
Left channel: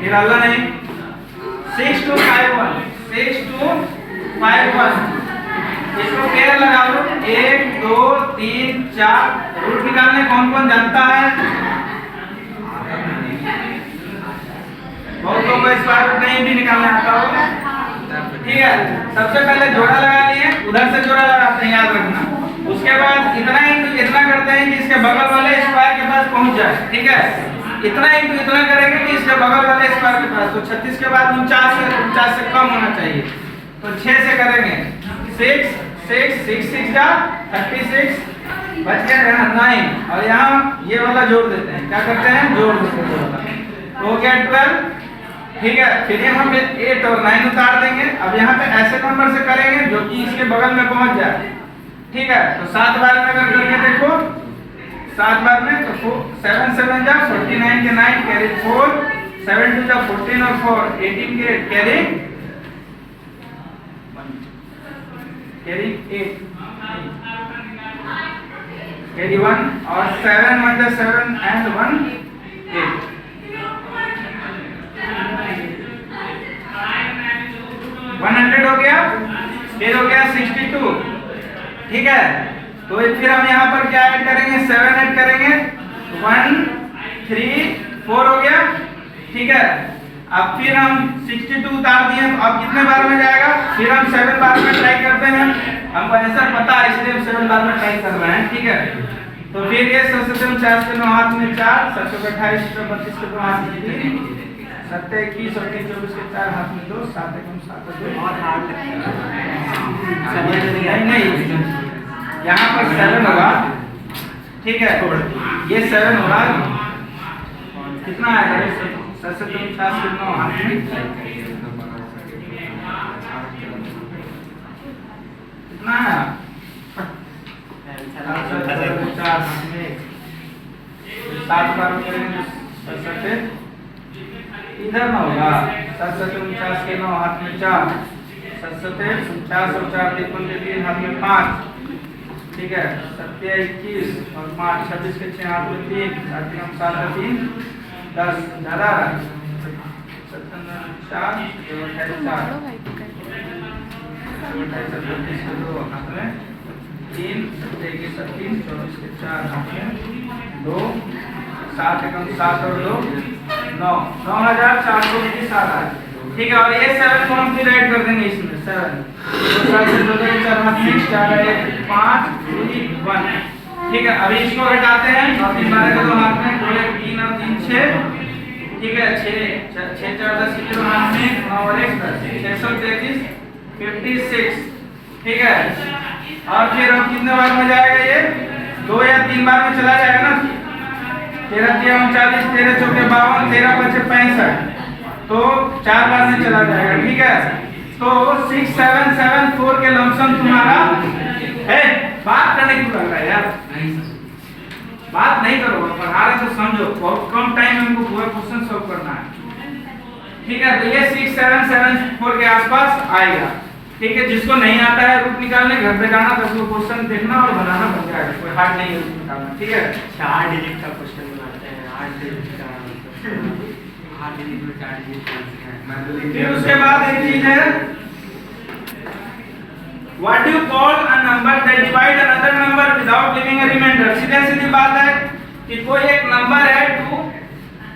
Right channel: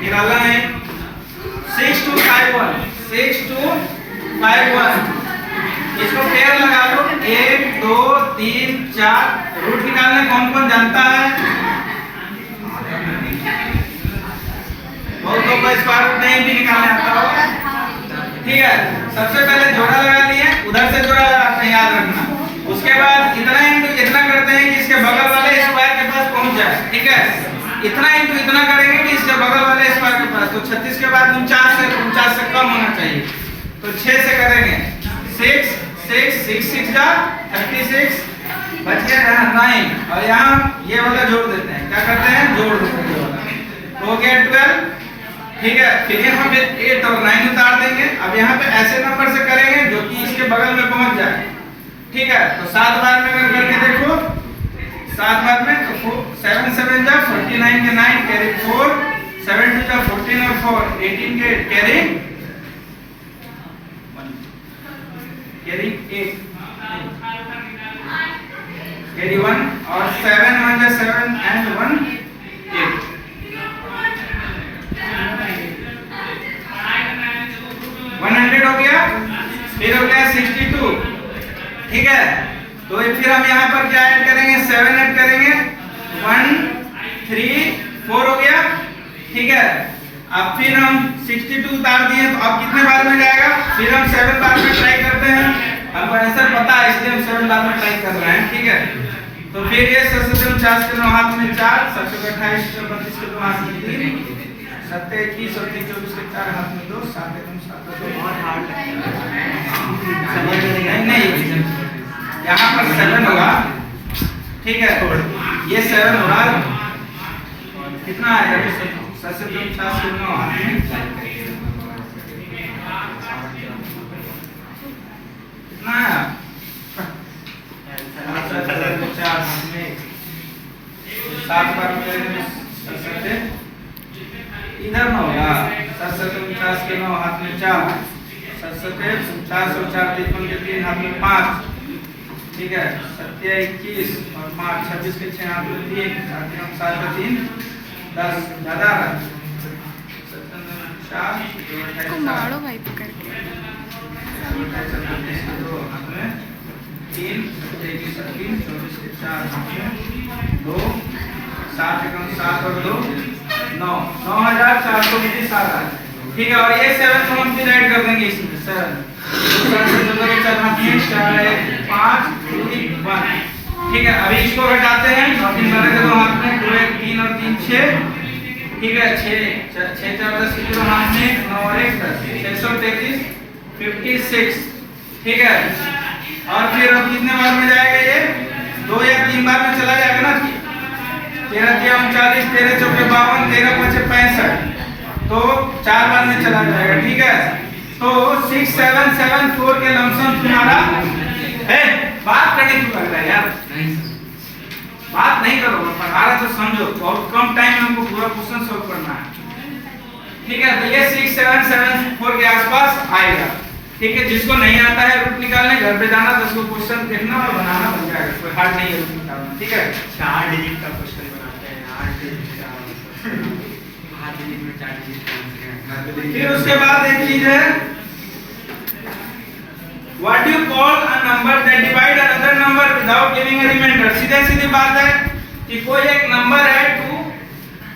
निराला नहीं, 6251 6251। इसको पेयर लगा लो, 1 2 3 4। रूट निकालने कौन कौन जानता है? बहुत लोग को स्क्वायर रूट नहीं भी निकालने आता हो, ठीक है। सबसे पहले जोड़ा लगा लिए, उधर से जोड़ा लगाते हैं, याद रखना। उसके बाद इतना इंटू इतना करते हैं कि इसके बगल वाले स्क्वायर के पास पहुंच जाए, ठीक है। इतना इंटू इतना करेंगे कि इसके बगल वाले स्क्वायर के पास, तो 36 के बाद 49 से कम होना चाहिए, तो 6 से करेंगे। 6 6 6 6 जा 36, बच गया यहाँ 9, और यहाँ ये वाला जोड़ देते हैं, क्या करते हैं? जोड़ देते हैं ये वाला, तो हो गया 12, ठीक है। फिर यहाँ पे 8 और 9 उतार देंगे। अब यहाँ पे ऐसे नंबर से करेंगे जो कि इसके बगल में पहुंच जाए, ठीक है। तो 7 बार में अगर करके देखो, 7 बार में तो 7 7 जा 49 के 9 कैरी 4, 7 2 जा 14 और 4 18 के 8 कैरी 8 कैरी 1 और 7 1 जा 7 एंड 1 8। 100 हो गया, फिर हो गया 62, ठीक है। तो फिर हम यहाँ पर क्या ऐड करेंगे? 7 ऐड करेंगे, 1 3 4 हो गया, ठीक है। अब फिर हम 62 उतार दिए, तो अब कितने बार में जाएगा? फिर हम 7 बार में ट्राई करते हैं, हमको आंसर पता है इसलिए हम 7 बार में ट्राई कर रहे हैं, ठीक है। तो फिर ये 49 के 9 हाथ में 4, 728 32 के 2 हाथ में 3, 7 21 और 3 24 के 4 हाथ में 2, 7 1 7 2 बहुत हार्ड लगता नहीं नहीं, यहाँ पर 7 होगा, ठीक है। ये 7 होगा, कितना आएगा 749 के 9 हाथ में कितना आया 4 हाथ में 7 बार में करेंगे 7 इधर ना होगा 749 के 9 हाथ में 4, 7 और 4 3 हाथ में 5, ठीक है। 7 21 और 5 26 के 6 हाथ में 3, 7 3 10 ज्यादा 4 मारो भाई पकड़ 2 हाथ में 3, 7 21 3 24 के 4 हाथ में 2, 7 एकम 7 और 2 9, 9427 आ रहा है, ठीक है। और ये 7 को हम डिवाइड कर देंगे इसमें 7 4 हाथ में 4 1 5 2 1, ठीक है। अभी इसको घटाते हैं 9 3 12 के 2 हाथ में 2 1 3 और 3 6, ठीक है। 6 4 10 के 2 हाथ में 9 और 1 10 633 56, ठीक है। और फिर अब कितने बार में जाएगा ये 2 या 3 बार में चला जाएगा ना, 13 3 39 13 चौके 52 13 5 65, तो 4 बार में चला जाएगा, ठीक है। तो 6774 के लमसम तुम्हारा है। बात करने क्यों लग रहा है यार, नहीं बात नहीं करो, पढ़ा रहे तो समझो, बहुत कम टाइम में हमको पूरा क्वेश्चन सॉल्व करना है, ठीक है। तो ये 6774 के आसपास आएगा, ठीक है। जिसको नहीं आता है रूट निकालने, घर पे जाना 10 को क्वेश्चन देखना और बनाना, बन जाएगा, कोई हार्ड नहीं है रूट निकालना, ठीक है। 4 डिजिट का क्वेश्चन बनाते हैं, 8 डिजिट का हाथ में 4 डिजिट का फिर उसके बाद एक चीज है, what do you call a number that divide another number without giving a reminder. सीधे सीधी बात है कि कोई एक नंबर है 2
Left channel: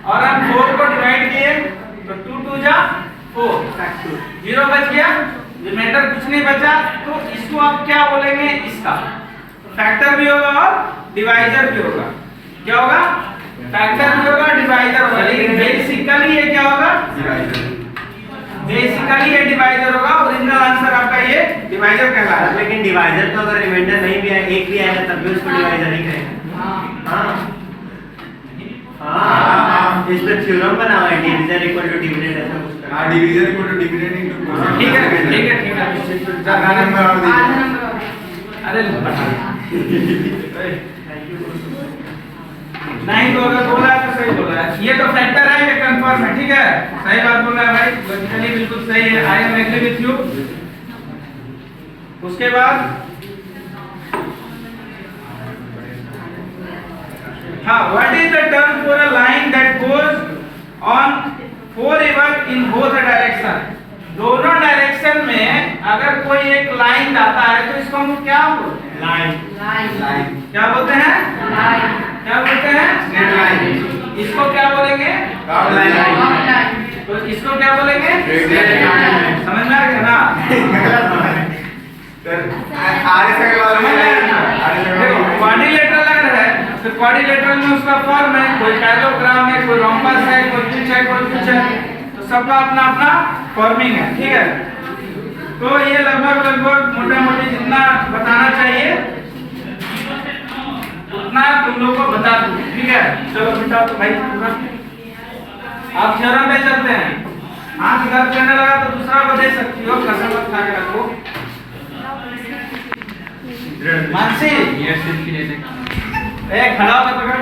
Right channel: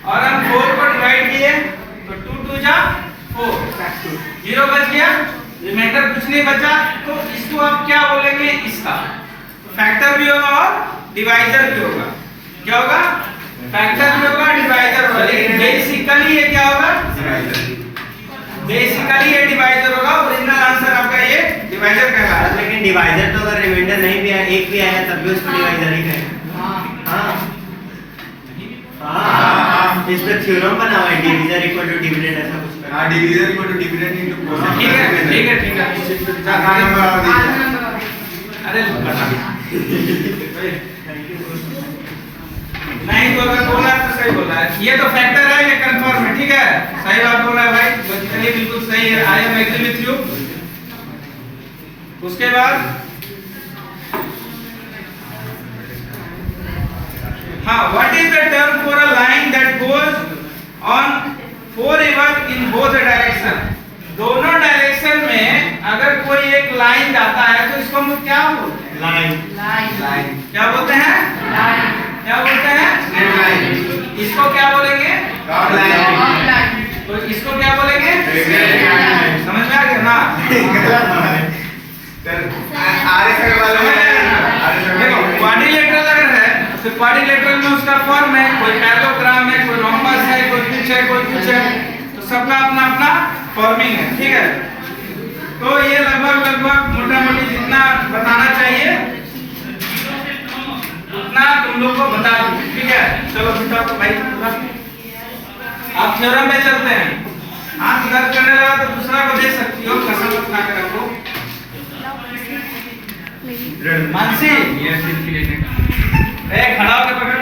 और हम 4 को डिवाइड किए तो 2 2 जा 4, 0 बच गया, रिमाइंडर कुछ नहीं बचा, तो इसको आप क्या बोलेंगे, इसका फैक्टर भी होगा और डिवाइजर भी होगा। क्या होगा, फैक्टर भी होगा, डिवाइजर होगा, लेकिन बेसिकली ये क्या होगा, बेसिकली ये डिवाइजर होगा। ओरिजिनल आंसर आपका ये डिवाइजर कहलाता है। लेकिन डिवाइजर तो अगर रिमाइंडर नहीं भी आया, एक भी आया तब भी उसको डिवाइजर ही कहेंगे। हाँ, इस पे थ्योरम बना हुआ है, डिवीजन इक्वल टू डिविडेंड ऐसा कुछ। हाँ, division equal to dividend into cosec. ठीक है ठीक है ठीक है, आधा नंबर और दीजिए। अरे बता नहीं तो अगर बोला तो सही बोला है, ये तो फैक्टर है, ये कंफर्म है, ठीक है। सही बात बोला है भाई, ये बिल्कुल सही है, I am agree with you. उसके बाद हाँ, what is the term for a line that goes on forever in both direction. दोनों डायरेक्शन में अगर कोई एक लाइन जाता है तो इसको हम लोग क्या बोलते हैं, लाइन। क्या बोलते हैं, क्या बोलते हैं, स्ट्रेट लाइन। इसको क्या बोलेंगे, राउंड लाइन। तो इसको क्या बोलेंगे, स्ट्रेट लाइन। समझ में आ गया ना, आरे से देखो क्वाड्रिलेटरल अगर है तो क्वाड्रिलेटरल में उसका फॉर्म है, कोई पैरेललोग्राम है, कोई रोम्बस है, कोई कुछ है, कोई कुछ है, तो सबका अपना अपना फॉर्मिंग है, ठीक है। तो ये लगभग मोटा मोटी जितना बताना चाहिए उतना तुम लोग को बता दूं, ठीक है। चलो बेटा तो भाई आप थ्योरम पे चलते हैं। हाथ दर्द करने लगा तो दूसरा को दे सकती हो, कसम मत खा के रखो। मानसी ये सिर्फ लेने का खड़ा होकर पकड़,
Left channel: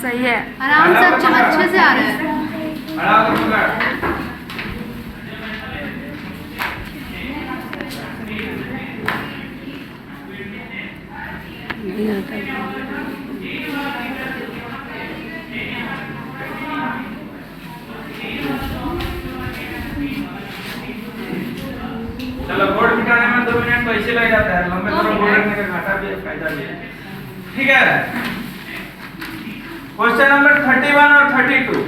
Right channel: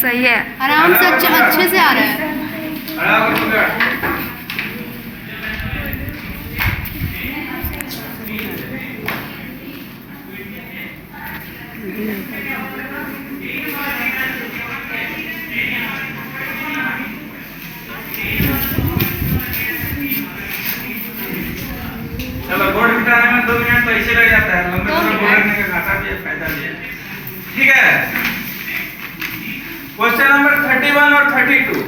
सही है, आराम से अच्छे से आ रहा है। खड़ा होकर पकड़। नहीं होता है। चलो बोर्ड मिटाने में 2 मिनट तो ऐसे लग जाता है, लंबे समय बोर्ड रखने का घाटा भी है, फायदा भी है, ठीक है। क्वेश्चन नंबर 31 और 32,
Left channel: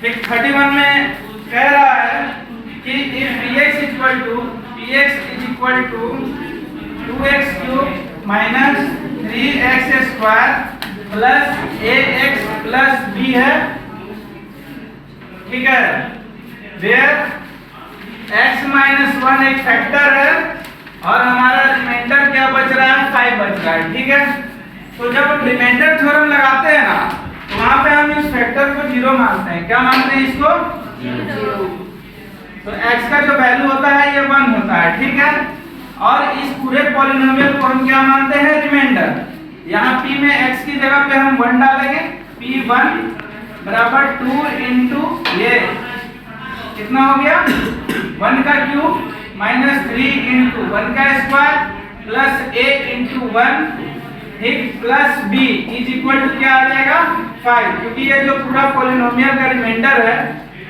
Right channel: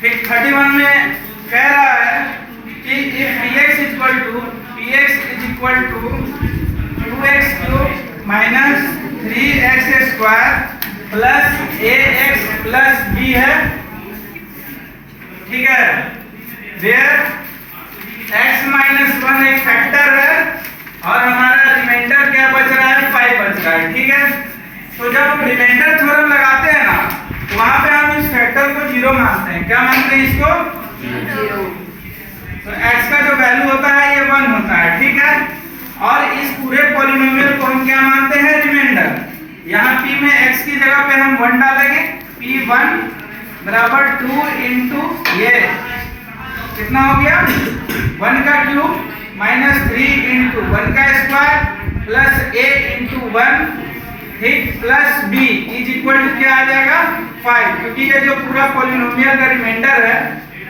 ठीक 31 में कह रहा है कि if px is equal to 2 2x³ minus 3x² plus ax plus b है, ठीक है। वेयर x माइनस 1 एक फैक्टर है और हमारा रिमाइंडर क्या बच रहा है, 5 बच रहा है, ठीक है। तो जब रिमाइंडर थ्योरम लगाते हैं ना तो वहां पे हम इस फैक्टर को 0 मानते हैं। क्या मानते हैं इसको? 0। तो x का जो वैल्यू होता है ये 1 होता है, ठीक है। और इस पूरे पॉलिनोमियल को हम क्या मानते हैं, रिमाइंडर। यहाँ p में x की जगह पे हम 1 डालेंगे, p1 बराबर 2 इंटू ये कितना हो गया 1 का क्यूब माइनस 3 इंटू 1 का स्क्वायर प्लस a इंटू 1, ठीक, plus b is equal to क्या आ जाएगा 5, क्योंकि ये जो पूरा पॉलिनोमियल का रिमाइंडर है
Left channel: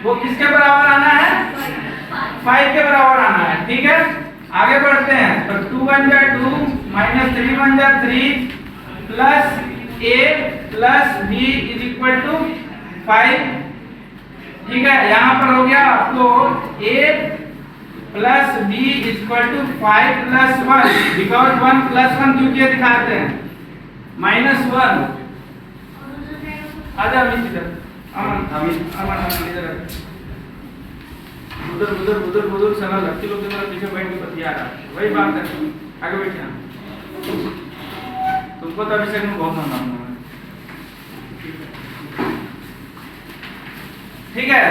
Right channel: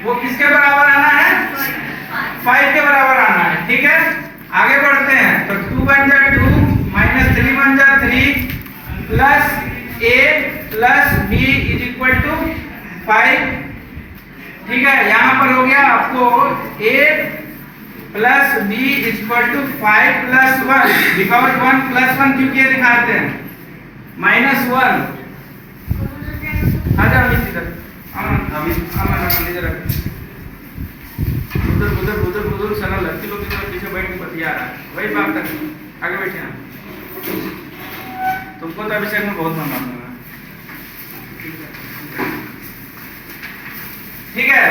वो किसके बराबर आना है, 5 के बराबर आना है, ठीक है। आगे बढ़ते हैं तो 2 बन जा 2 माइनस 3 बन जा 3 plus a plus b is equal to 5, ठीक है। यहाँ पर हो गया आपको a plus b is equal to 5 plus 1, because 1 plus 1 क्यों किया दिखाते हैं, -1। आजा इधर अमन इधर उधर सना लड़की लोग की तरह पीछे बैठ के बतिया रहा है, वही बात कर, आगे बैठे हैं। तुमको तो अभिषेक में बहुत मन रहा, ठीक है।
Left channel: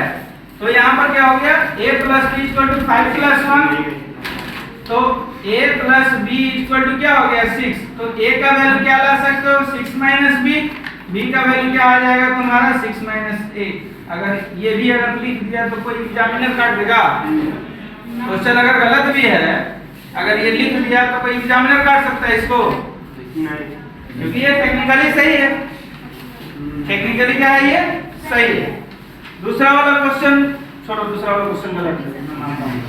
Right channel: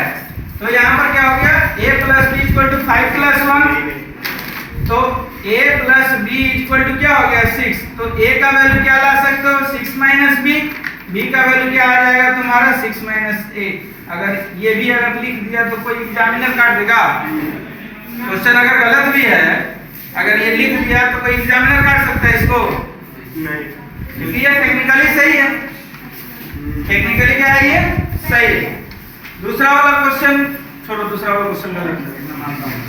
तो यहाँ पर क्या हो गया, a plus b equal to 5 plus 1, तो a plus b equal to क्या हो गया 6। तो a का वैल्यू क्या ला सकते हो 6 माइनस b का वैल्यू क्या आ जाएगा तुम्हारा 6 माइनस a। अगर ये भी अगर लिख दिया तो कोई एग्जामिनर काट देगा, क्वेश्चन अगर गलत भी है, अगर ये लिख दिया तो कोई एग्जामिनर काट सकता है इसको, क्योंकि ये टेक्निकली सही है, टेक्निकली क्या है ये सही है। दूसरा वाला क्वेश्चन छोड़ो, दूसरा वाला क्वेश्चन गलत है मैं मानता हूं।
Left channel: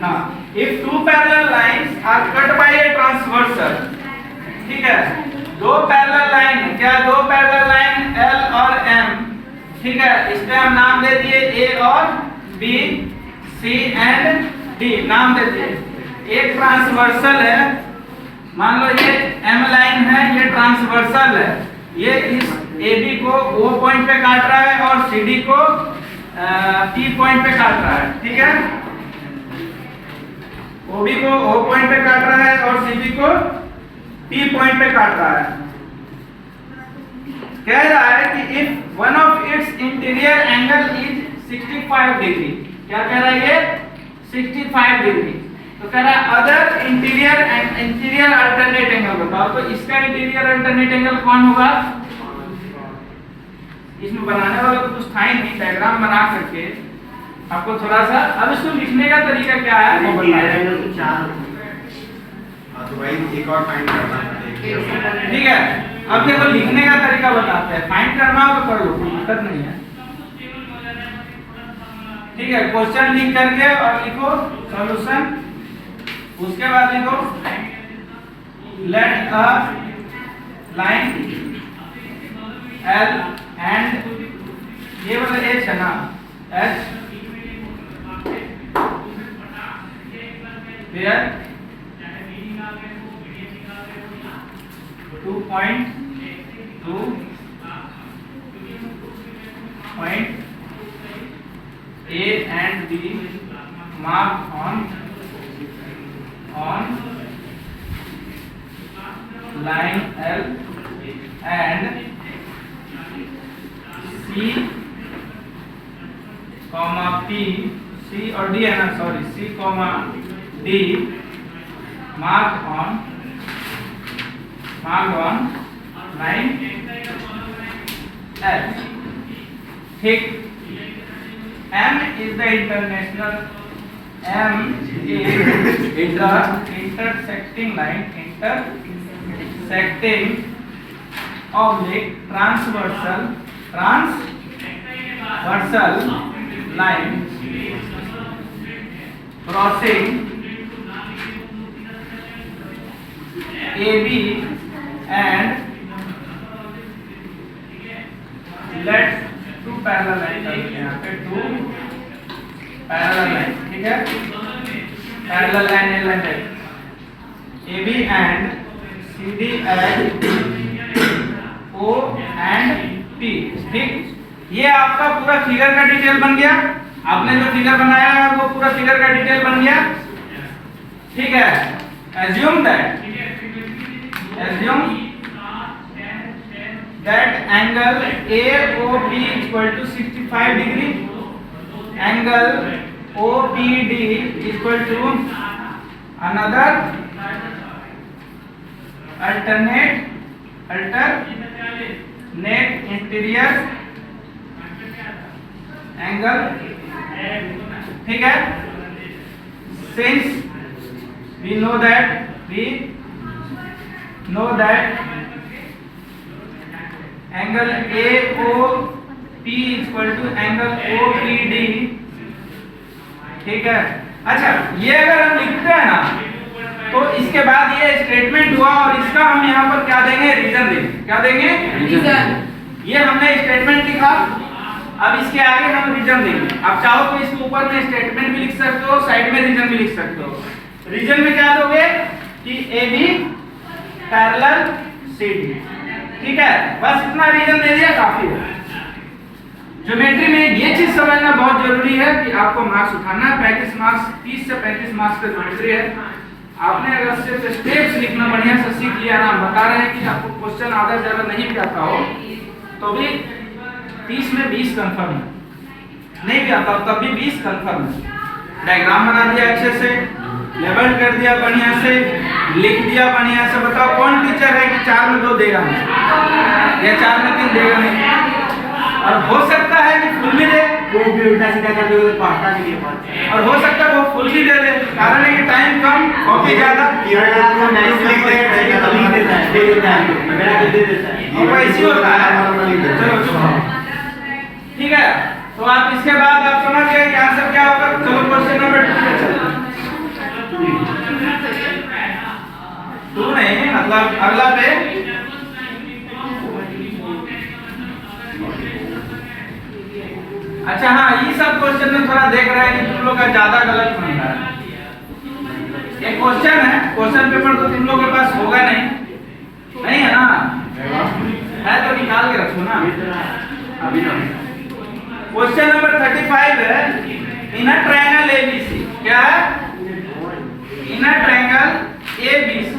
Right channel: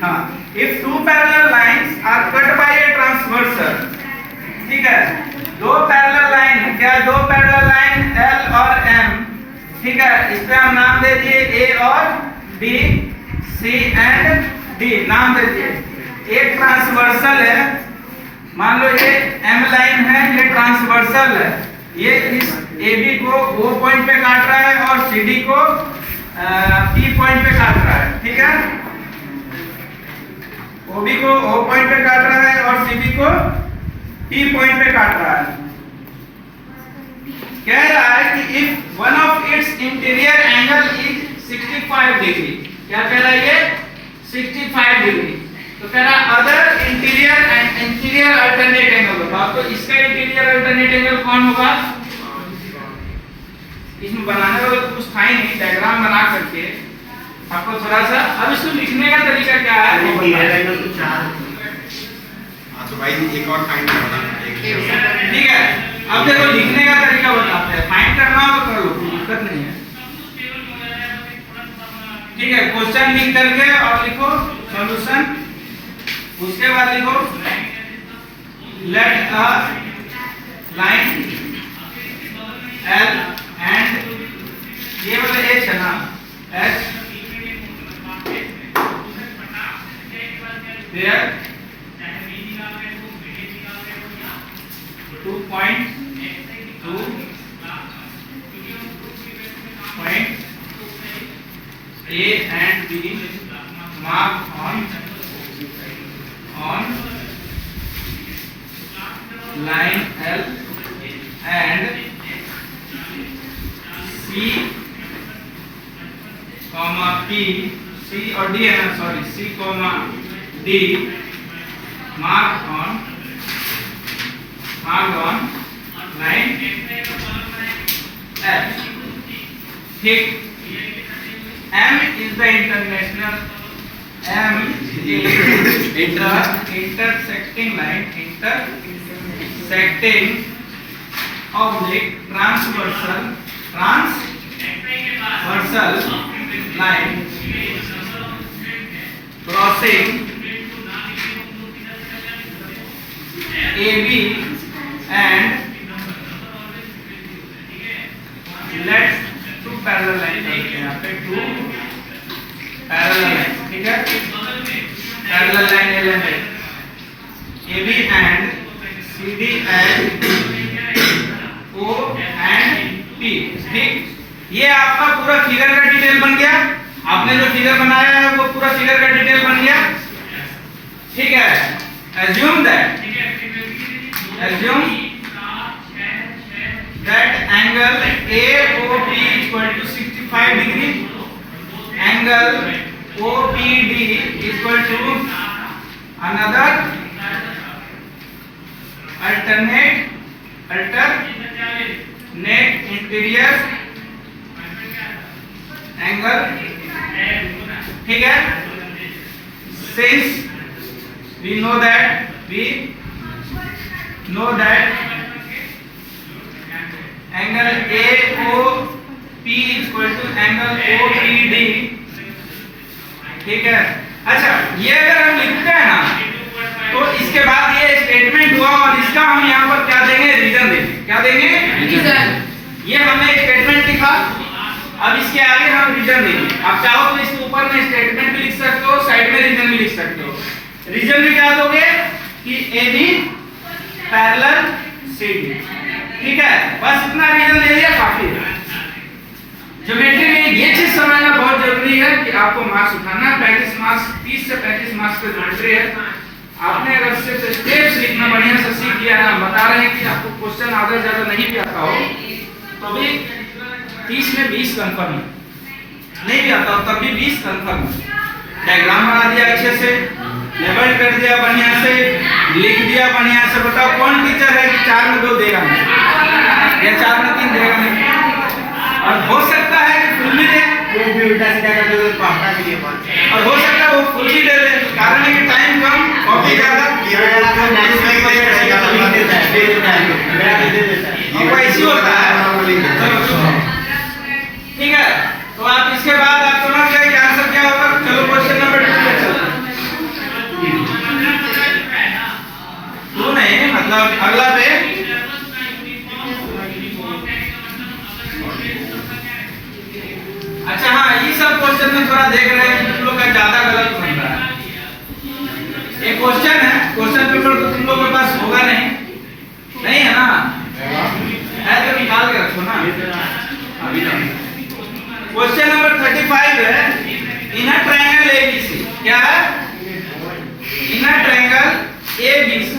हाँ, if 2 parallel lines are cut by a transversal, ठीक है, 2 पैरेलल लाइन, क्या 2 पैरेलल लाइन L और M, ठीक है, इस पे हम नाम दे दिए A और B, C एंड D नाम दे दिए। एक ट्रांसवर्सल है, मान लो ये M लाइन है, ये ट्रांसवर्सल है, ये इस AB को O पॉइंट पे काट रहा है और CD को P पॉइंट पे काट रहा है, ठीक है। OB को O पॉइंट पे काट रहा है और CD को P पॉइंट पे काट रहा है। कह रहा है कि if one of its interior angle is 65 degree, क्या कह रहा है ये 65 डिग्री, तो कह रहा है other interior and interior alternate angle बताओ। तो इसका इंटीरियर अल्टरनेट एंगल कौन होगा, इसमें बनाने वाला तो कुछ था ही नहीं, डायग्राम बना करके आपको थोड़ा सा, अब इसको लिखने का तरीका क्या है वो बताएं, तो भाई एक और फाइंड करना है, ठीक है। अब देखो लिखने का तरीका बताते हैं, फाइंड करना हो तो कर लो, कोई दिक्कत नहीं है, ठीक है। क्वेश्चन लिख करके और लिखो सॉल्यूशन, उसके बाद लिखो let a line L and ये वाला H है ना, H there 2 point A and B marked on line L and C comma P, C और D है ना, sorry C comma D marked on line F, ठीक। M is the international, M is the intersecting line, intersecting oblique transversal line crossing AB and let 2 parallel line करते हैं, यहाँ पे 2 parallel line, ठीक है, parallel line element AB and CD and O and P। ठीक, ये आपका पूरा फिगर का डिटेल बन गया। आपने जो फिगर बनाया है वो पूरा फिगर का डिटेल बन गया। ठीक है, assume that angle AOP equal to 65 degree, angle OPD equal to another alternate interior angle। ठीक है, since we know that angle AOP equal to angle OPD। ठीक है, अच्छा ये अगर हम लिखते हैं ना तो इसके बाद ये स्टेटमेंट हुआ और इसका हम यहाँ पर क्या देंगे, रीजन देंगे। क्या देंगे? रीजन। ये हमने स्टेटमेंट लिखा, अब इसके आगे हम रीजन देंगे। आप चाहो तो इसके ऊपर में स्टेटमेंट भी लिख सकते हो, साइड में रीजन भी लिख सकते हो। रीजन में क्या दोगे कि AB पैरेलल CD। ठीक है, बस इतना रीजन दे दिया, काफी है। ज्योमेट्री में ये चीज समझना बहुत जरूरी है कि आपको मार्क्स उठाना है। 35 मार्क्स, 30 से 35 मार्क्स का ज्योमेट्री है। आपने अगर सिर्फ स्टेप्स लिखना बढ़िया से सीख लिया ना, बता रहे हैं कि आपको क्वेश्चन आधा ज्यादा नहीं भी आता हो तो भी 30 में 20 कंफर्म है, नहीं भी आता तब भी 20 कंफर्म है। डायग्राम बना दिया अच्छे से, लेबल कर दिया बढ़िया से, लिख दिया बढ़िया से। बताओ कौन टीचर है कि 4 में 2 देगा नहीं या 4 में 3 देगा नहीं? और हो सकता है कि फुल भी दे, वो भी उल्टा सीधा कर दे तो पढ़ता भी नहीं है। और हो सकता है वो फुल भी दे दे, कारण है कि टाइम कम, कॉपी ज्यादा। आपको 9 लिख देगा तो लिख देता है, दे देता है, दे देता है। और ऐसी होता है। चलो ठीक है, तो आप इसके बाद आप समझ गए कि आंसर क्या होगा। चलो क्वेश्चन नंबर 2 पे चलते हैं। 2 नहीं, मतलब अगला पे अच्छा हाँ, ये सब क्वेश्चन में थोड़ा देख रहे हैं कि तुम लोग का ज्यादा गलत बन रहा है। एक क्वेश्चन है, क्वेश्चन पेपर तो तुम लोग के पास होगा नहीं है ना? है तो निकाल के रखो ना अभी ना। क्वेश्चन नंबर 35 है, इन अ ट्रायंगल ABC। क्या है? इन अ ट्रायंगल ABC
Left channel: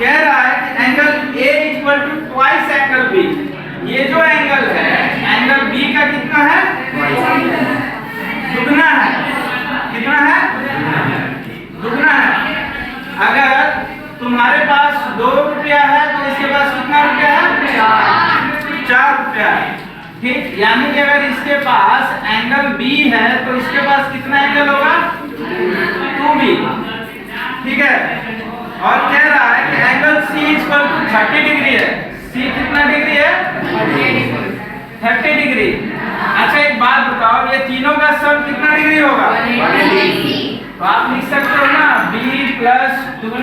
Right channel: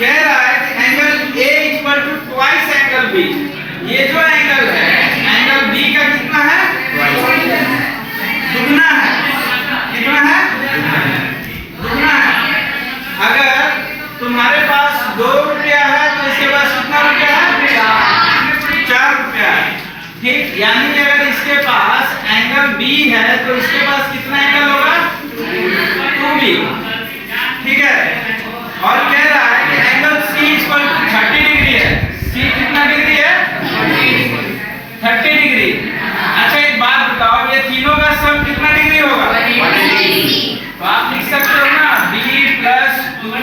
कह रहा है कि angle A equal to twice angle B। ये जो एंगल है, एंगल B का कितना है? दुगना है। कितना है? दुगना है। अगर तुम्हारे पास 2 रुपया है तो इसके पास कितना रुपया है? 4 रुपया है। ठीक, यानी कि अगर इसके पास एंगल B है तो इसके पास कितना एंगल होगा? 2B। ठीक है, और कह रहा है कि angle C equal to 30 degree है। C कितना डिग्री है? 30 डिग्री। अच्छा एक बात बताओ, ये तीनों का सम कितना डिग्री होगा? 180। तो आप लिख सकते हो ना B plus 2B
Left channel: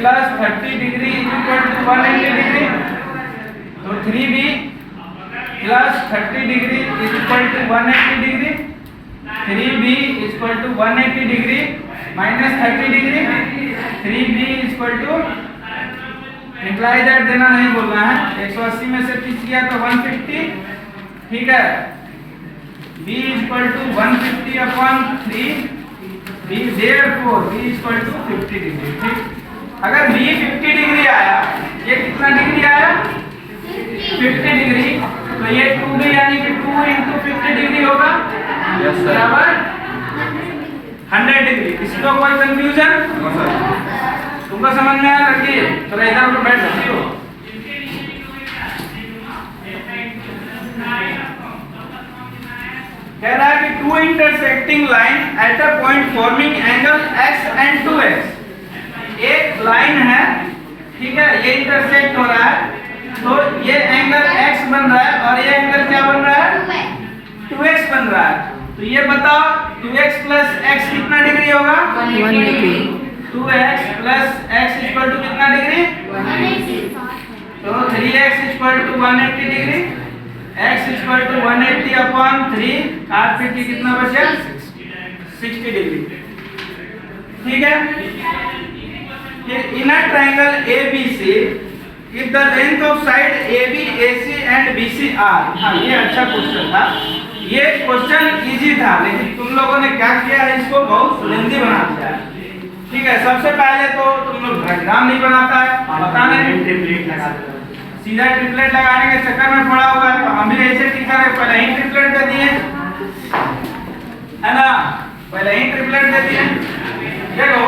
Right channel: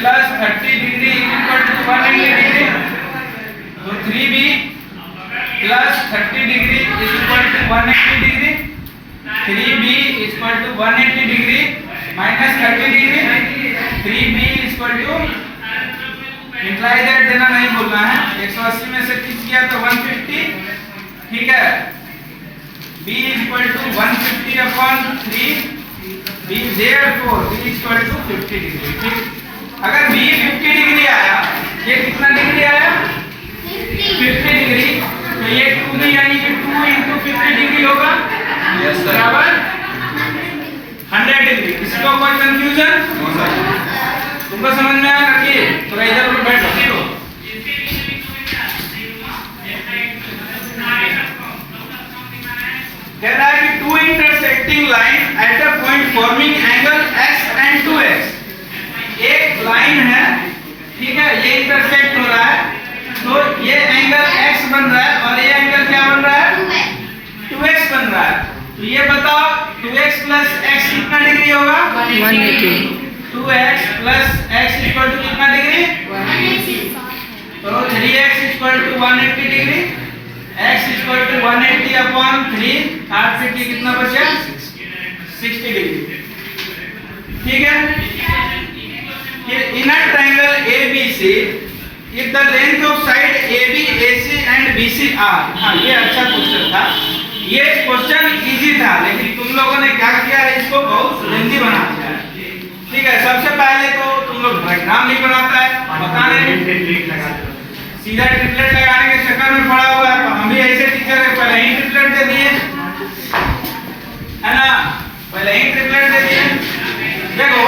plus 30 degree equal to 180 degree. तो 3B plus 30 degree equal to 180 degree. 3B equal to 180 degree minus 30 degree. 3B equal to imply that देना नहीं बोलना है। 180 में से 30 गया तो 150। ठीक है, B equal to 150 upon 3 B therefore B equal to 50 degree. ठीक, अगर B 50 डिग्री आया, ये कितना डिग्री आया? 50 डिग्री। तो ये 2B यानी कि 2 into 50 डिग्री होगा बराबर 100 डिग्री। इसको कोई कंफ्यूजन? तुमको समझ में आया लड़की? तो इधर उधर बैठ लो। कह रहा है कि 2 intersecting line at a point forming angle x and 2x। एक लाइन है, ठीक है, ये इंटरसेक्ट हो रहा है तो ये एंगल x बन रहा है और ये एंगल क्या बन रहा है? 2x बन रहा है। तो ये बताओ 2x प्लस x कितना डिग्री होगा? 180। 2x प्लस x इक्वल टू कितना डिग्री? 180। तो 3x equal to 180 degree. x equal to 180 upon 3 850 कितना बचा? 60 डिग्री। ठीक है। फिर in a triangle ABC if the length of side AB, AC and BC are, हाँ ये अच्छा क्वेश्चन था, ये क्वेश्चन इजी था, लेकिन तुम लोगों ने क्या किया है, इसको बहुत लेंथी बना दिया है। ठीक है, सबसे पहले तो तुम लोग डायग्राम नहीं बनाता है, बताने सीधा ट्रिपलेट लगाने के चक्कर में पड़ा हुआ है। तो हम भी ऐसे टीचर है, पहले ही ट्रिपलेट दे दिए है ना, पहले ही ट्रिपलेट दे दिए। देखो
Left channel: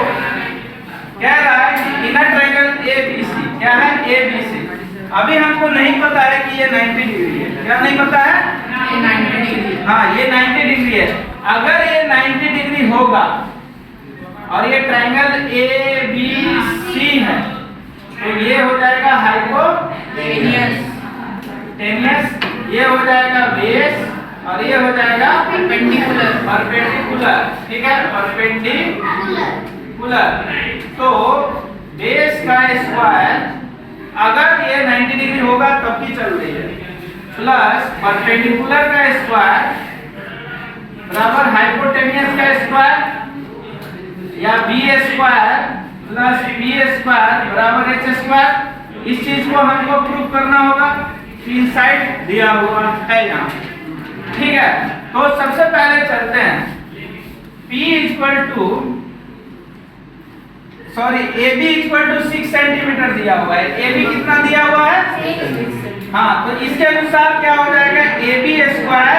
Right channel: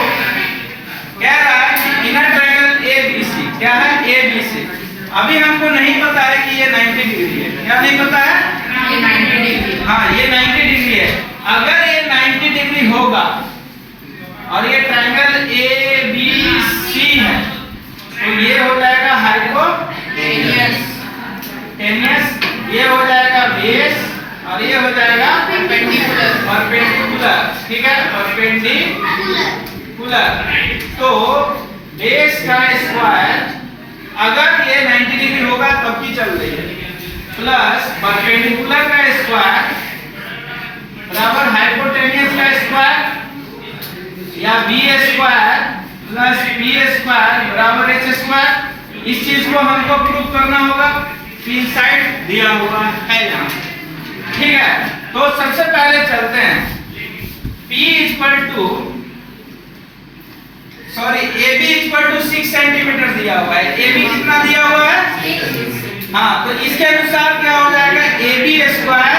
कह रहा है कि इनर ट्रायंगल ABC, क्या है ABC, अभी हमको नहीं पता है कि ये 90 डिग्री है, क्या नहीं पता है, हाँ ये 90 डिग्री है। अगर ये 90 डिग्री होगा और ये ट्रायंगल ABC है तो ये हो जाएगा हाइपोटेन्यूस, ये हो जाएगा बेस और ये हो जाएगा परपेंडिकुलर। ठीक है, परपेंडिकुलर। तो बेस का स्क्वायर अगर ये 90 डिग्री होगा तब की चल रही है, प्लस परपेंडिकुलर का स्क्वायर बराबर हाइपोटेन्यूस का स्क्वायर या B square plus B square बराबर एच स्क्वायर। इस चीज को हमको प्रूव करना होगा, तीन साइड दिया हुआ है यहाँ। ठीक है, तो सबसे पहले चलते हैं P equal to AB equal to 6 centimetre दिया हुआ है। AB कितना दिया हुआ है, हाँ, तो इसके अनुसार क्या हो जाएगा, AB स्क्वायर,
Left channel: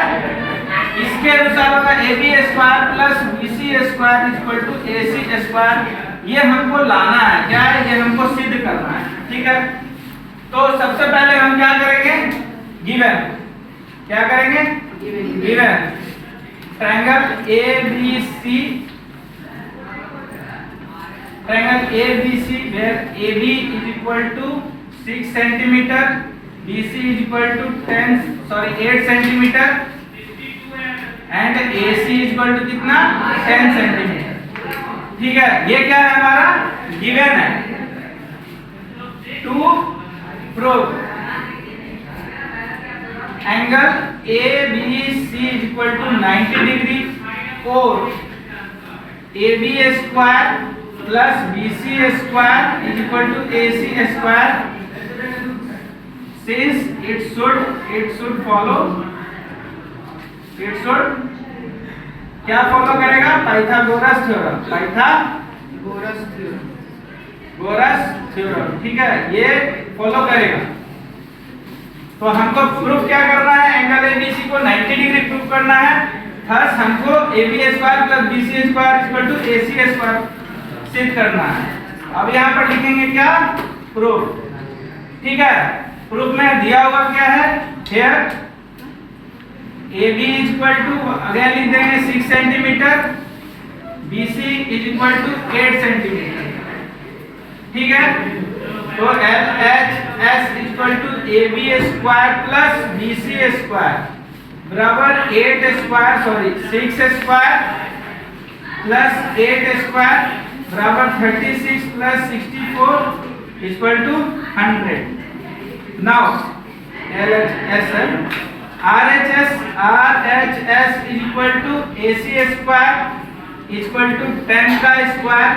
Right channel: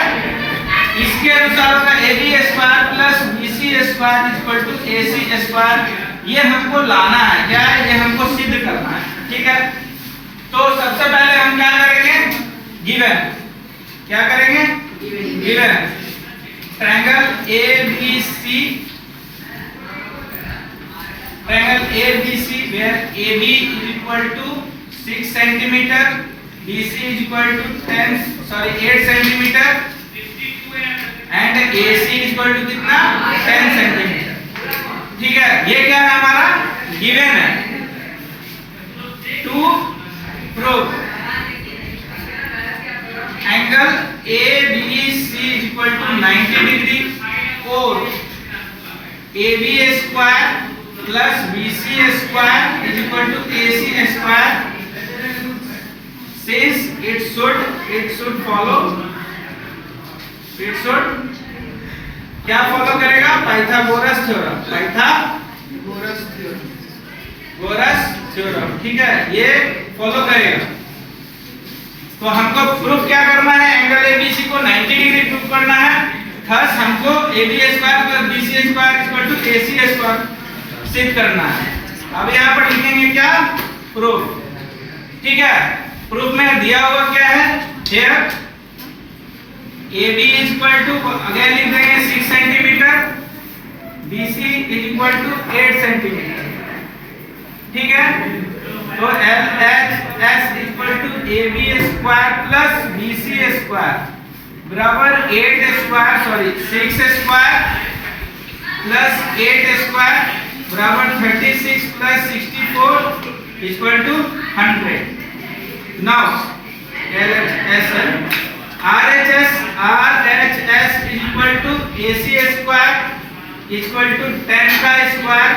इसके अनुसार होगा AB square plus BC square equal to AC square. ये हमको लाना है, क्या है, ये हमको सिद्ध करना है। ठीक है, तो सबसे पहले हम क्या करेंगे, गिवन, क्या करेंगे, given triangle ABC, triangle ABC where AB is equal to 6 centimeter, BC is equal to 8 centimeter and AC is equal to कितना 10 centimeter। ठीक है, ये क्या है, हमारा गिवन है। To prove angle ABC is equal to 90 degree और AB square plus BC square is equal to AC square, since it should follow, it should क्या फॉलो करेगा, पाइथागोरस थ्योरम, पाइथागोरस थ्योरम। ठीक है, ये फॉलो करेगा। तो हमको प्रूफ क्या करना है, एंगल ABC को 90 डिग्री प्रूफ करना है। थर्स हमको AB square plus BC square equal to AC square सिद्ध करना है। अब यहाँ पर लिखेंगे क्या, प्रूफ। ठीक है, प्रूफ में दिया हुआ क्या है, here AB is equal to, again लिख देंगे 6 centimetre, BC is equal to 8 centimetre. ठीक है, तो LHS is equal to AB square plus BC square बराबर 6 स्क्वायर प्लस 8 स्क्वायर बराबर 36 plus 64 equal to 100। Now RHS is equal to AC square equal to 10 का square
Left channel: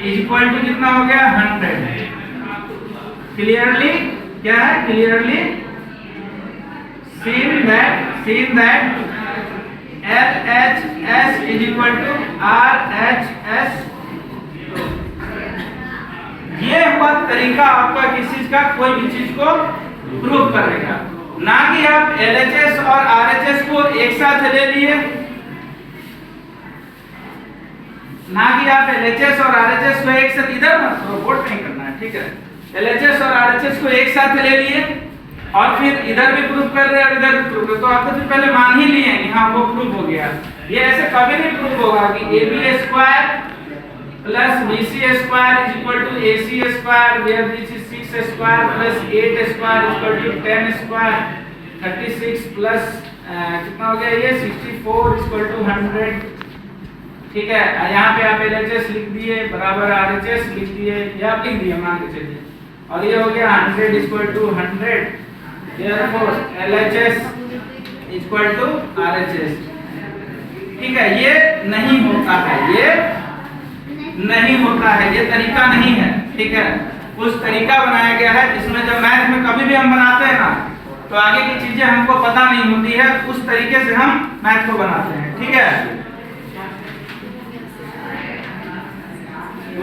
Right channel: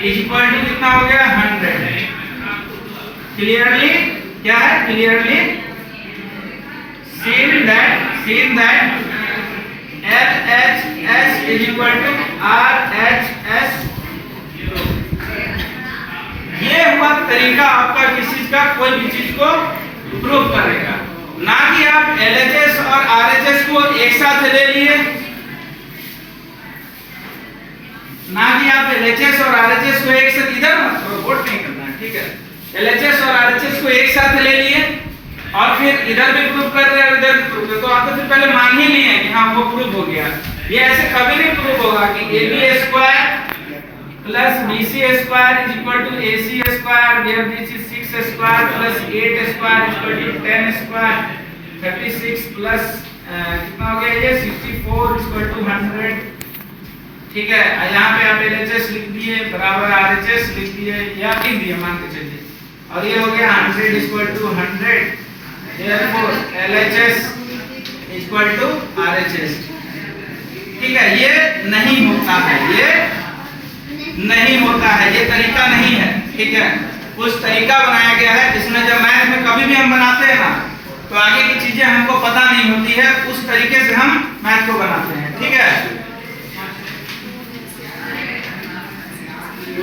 is equal to कितना हो गया, 100। Clearly क्या है, clearly seen that LHS is equal to RHS। ये हुआ तरीका आपका किसी चीज का, कोई भी चीज को प्रूव करेगा, ना कि आप LHS और RHS को एक साथ ले लिए, ना कि आप LHS और RHS को एक साथ, इधर मत प्रोपोर्ट नहीं करना है। ठीक है, LHS और RHS को एक साथ ले लिए और फिर इधर भी प्रूव कर रहे हैं और इधर भी प्रूव कर, तो आपको फिर पहले मान ही लिए कि हाँ वो प्रूव हो गया। ये ऐसे कभी नहीं प्रूव होगा कि AB square plus BC square is equal to AC square where this is 6 square plus 8 square equal to 10 square 36 plus कितना हो गया ये 64 इक्वल टू 100। ठीक है, यहाँ पे आप LHS लिख दिए बराबर RHS लिख दिए या लिख दिए मान के चलिए, और ये हो गया 100 equal to 100। Therefore LHS equal to RHS। ठीक है, ये नहीं होता है, ये नहीं होता है, ये तरीका नहीं है, ठीक है। कुछ तरीका बनाया गया है जिसमें जब मैथ में कभी भी हम बनाते हैं ना तो आगे की चीजें हमको पता नहीं होती है, उस तरीके से हम मैथ को बनाते हैं, ठीक है।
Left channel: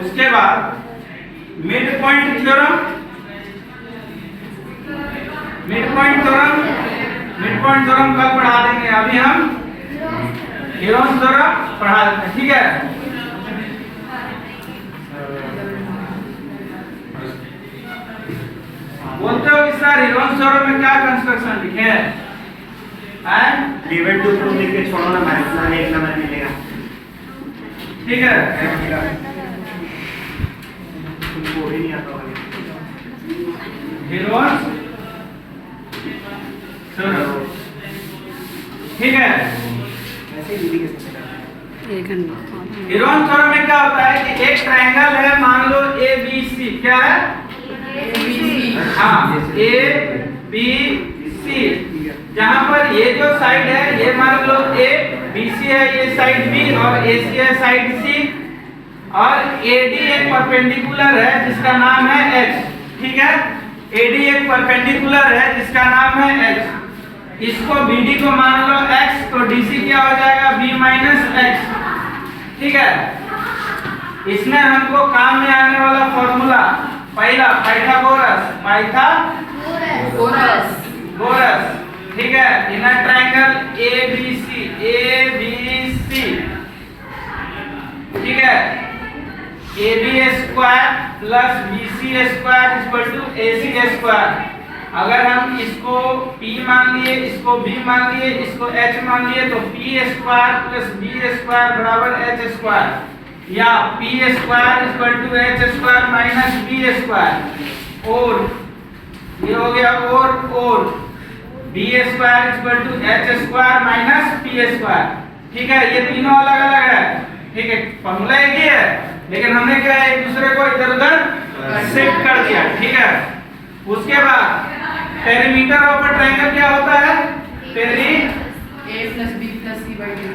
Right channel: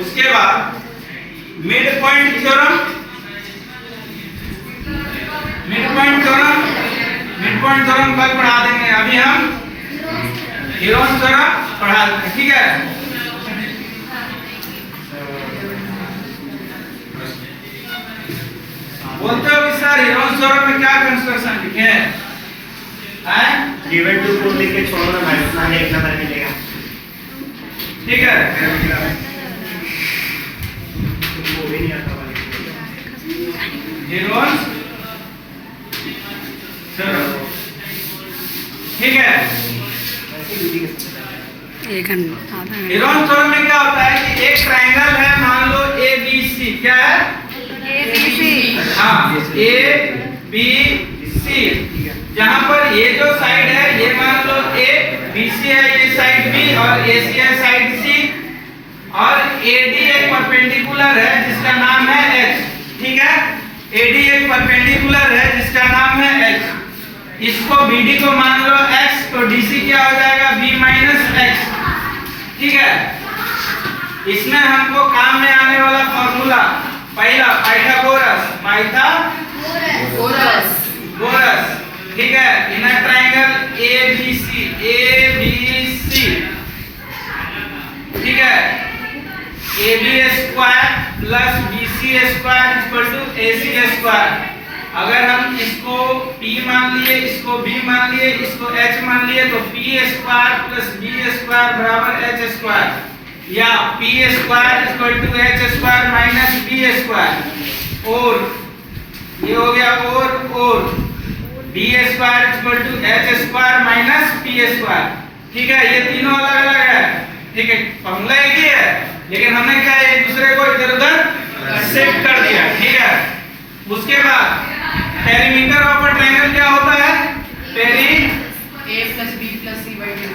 उसके बाद मिड पॉइंट थ्योरम, कल पढ़ा देंगे, अभी हम हीरोन्स थ्योरम पढ़ा देते हैं, ठीक है। बोलते हो कि सर हीरोन्स थ्योरम में क्या कंस्ट्रक्शन लिखे हैं? गिवन टू प्रूफ लिख के छोड़ो ना भाई, उतना एक नंबर मिलेगा, ठीक है। तुमको भी नहीं आता हीरोन्स थ्योरम, ठीक है। एक घंटा आधा घंटा। हीरोन्स थ्योरम में क्या होता है कि एक ट्रायंगल है, मान लो ए बी सी, क्या है? हाँ, ए बी सी, जहां पर ये जो साइड है ये मान लो ए, बी सी है ये साइड बी और ए सी है साइड सी, और एडी एक परपेंडिकुलर है जिसका नाम है एच, ठीक है। एडी एक परपेंडिकुलर है जिसका नाम है एच, इसको बीडी को मान लो एक्स, तो डीसी क्या हो जाएगा? बी माइनस एक्स, ठीक है। इसमें हमको काम में आने वाला फॉर्मूला पहला पाइथागोरस, ठीक है। इन a triangle A B C, ठीक है, A B square plus B C square equal to A C square. अगर हम इसको p मान लिए, इसको b मान लिए, इसको h मान लिए, तो p square plus b square बराबर h स्क्वायर, या p square equal to h square minus b square, और ये हो गया और b square equal to h square minus p square, ठीक है। ये तीनों अलग अलग है, ठीक है, फॉर्मूला एक ही है, लेकिन हमने क्या एक दूसरे को इधर उधर शिफ्ट कर दिया, ठीक है। उसके बाद पेरीमीटर ऑफ अ ट्रायंगल क्या होता है?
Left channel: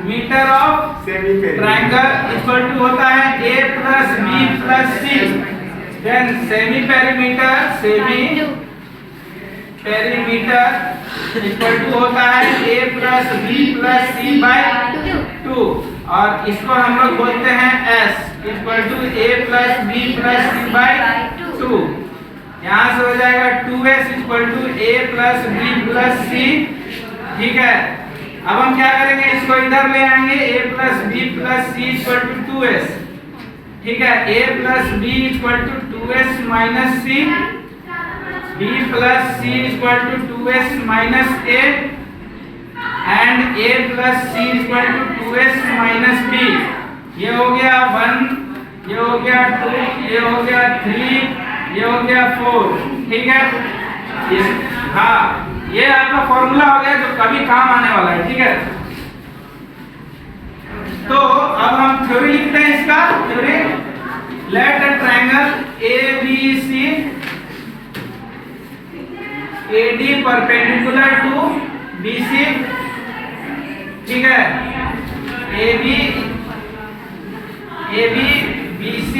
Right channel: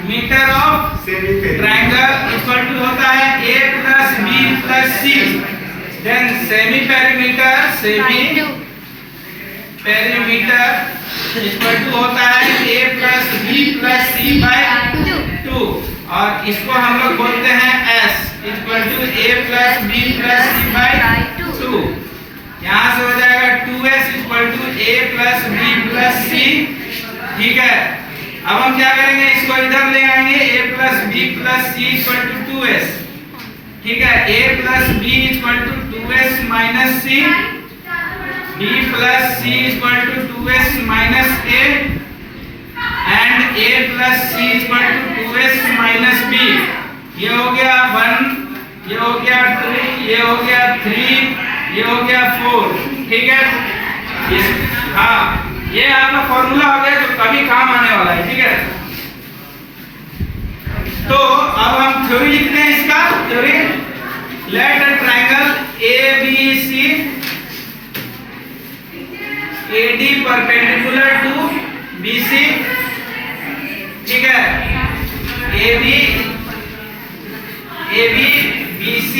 Metre of triangle equal to होता है a plus b plus c। Then semi perimeter equal to होता है a plus b plus c by 2, और इसको हम लोग बोलते हैं s equal to a plus b plus c by 2। यहाँ से हो जाएगा 2s equal to a plus b plus c, ठीक है। अब हम क्या करेंगे, इसको इधर ले आएंगे, a plus b plus c equal to 2s, ठीक है। a plus b equal to 2s minus c, b plus c equal to 2s minus a, and a plus c equal to 2s minus b। ये हो गया 1, ये हो गया 2, ये हो गया 3, ये हो गया 4, ठीक है। हाँ, ये आपका फॉर्मूला हो गया जो कभी काम आने वाला है, ठीक है। तो अब हम थ्योरी लिखते हैं इसका, theory let a triangle ABC AD perpendicular to BC, ठीक है। AB BC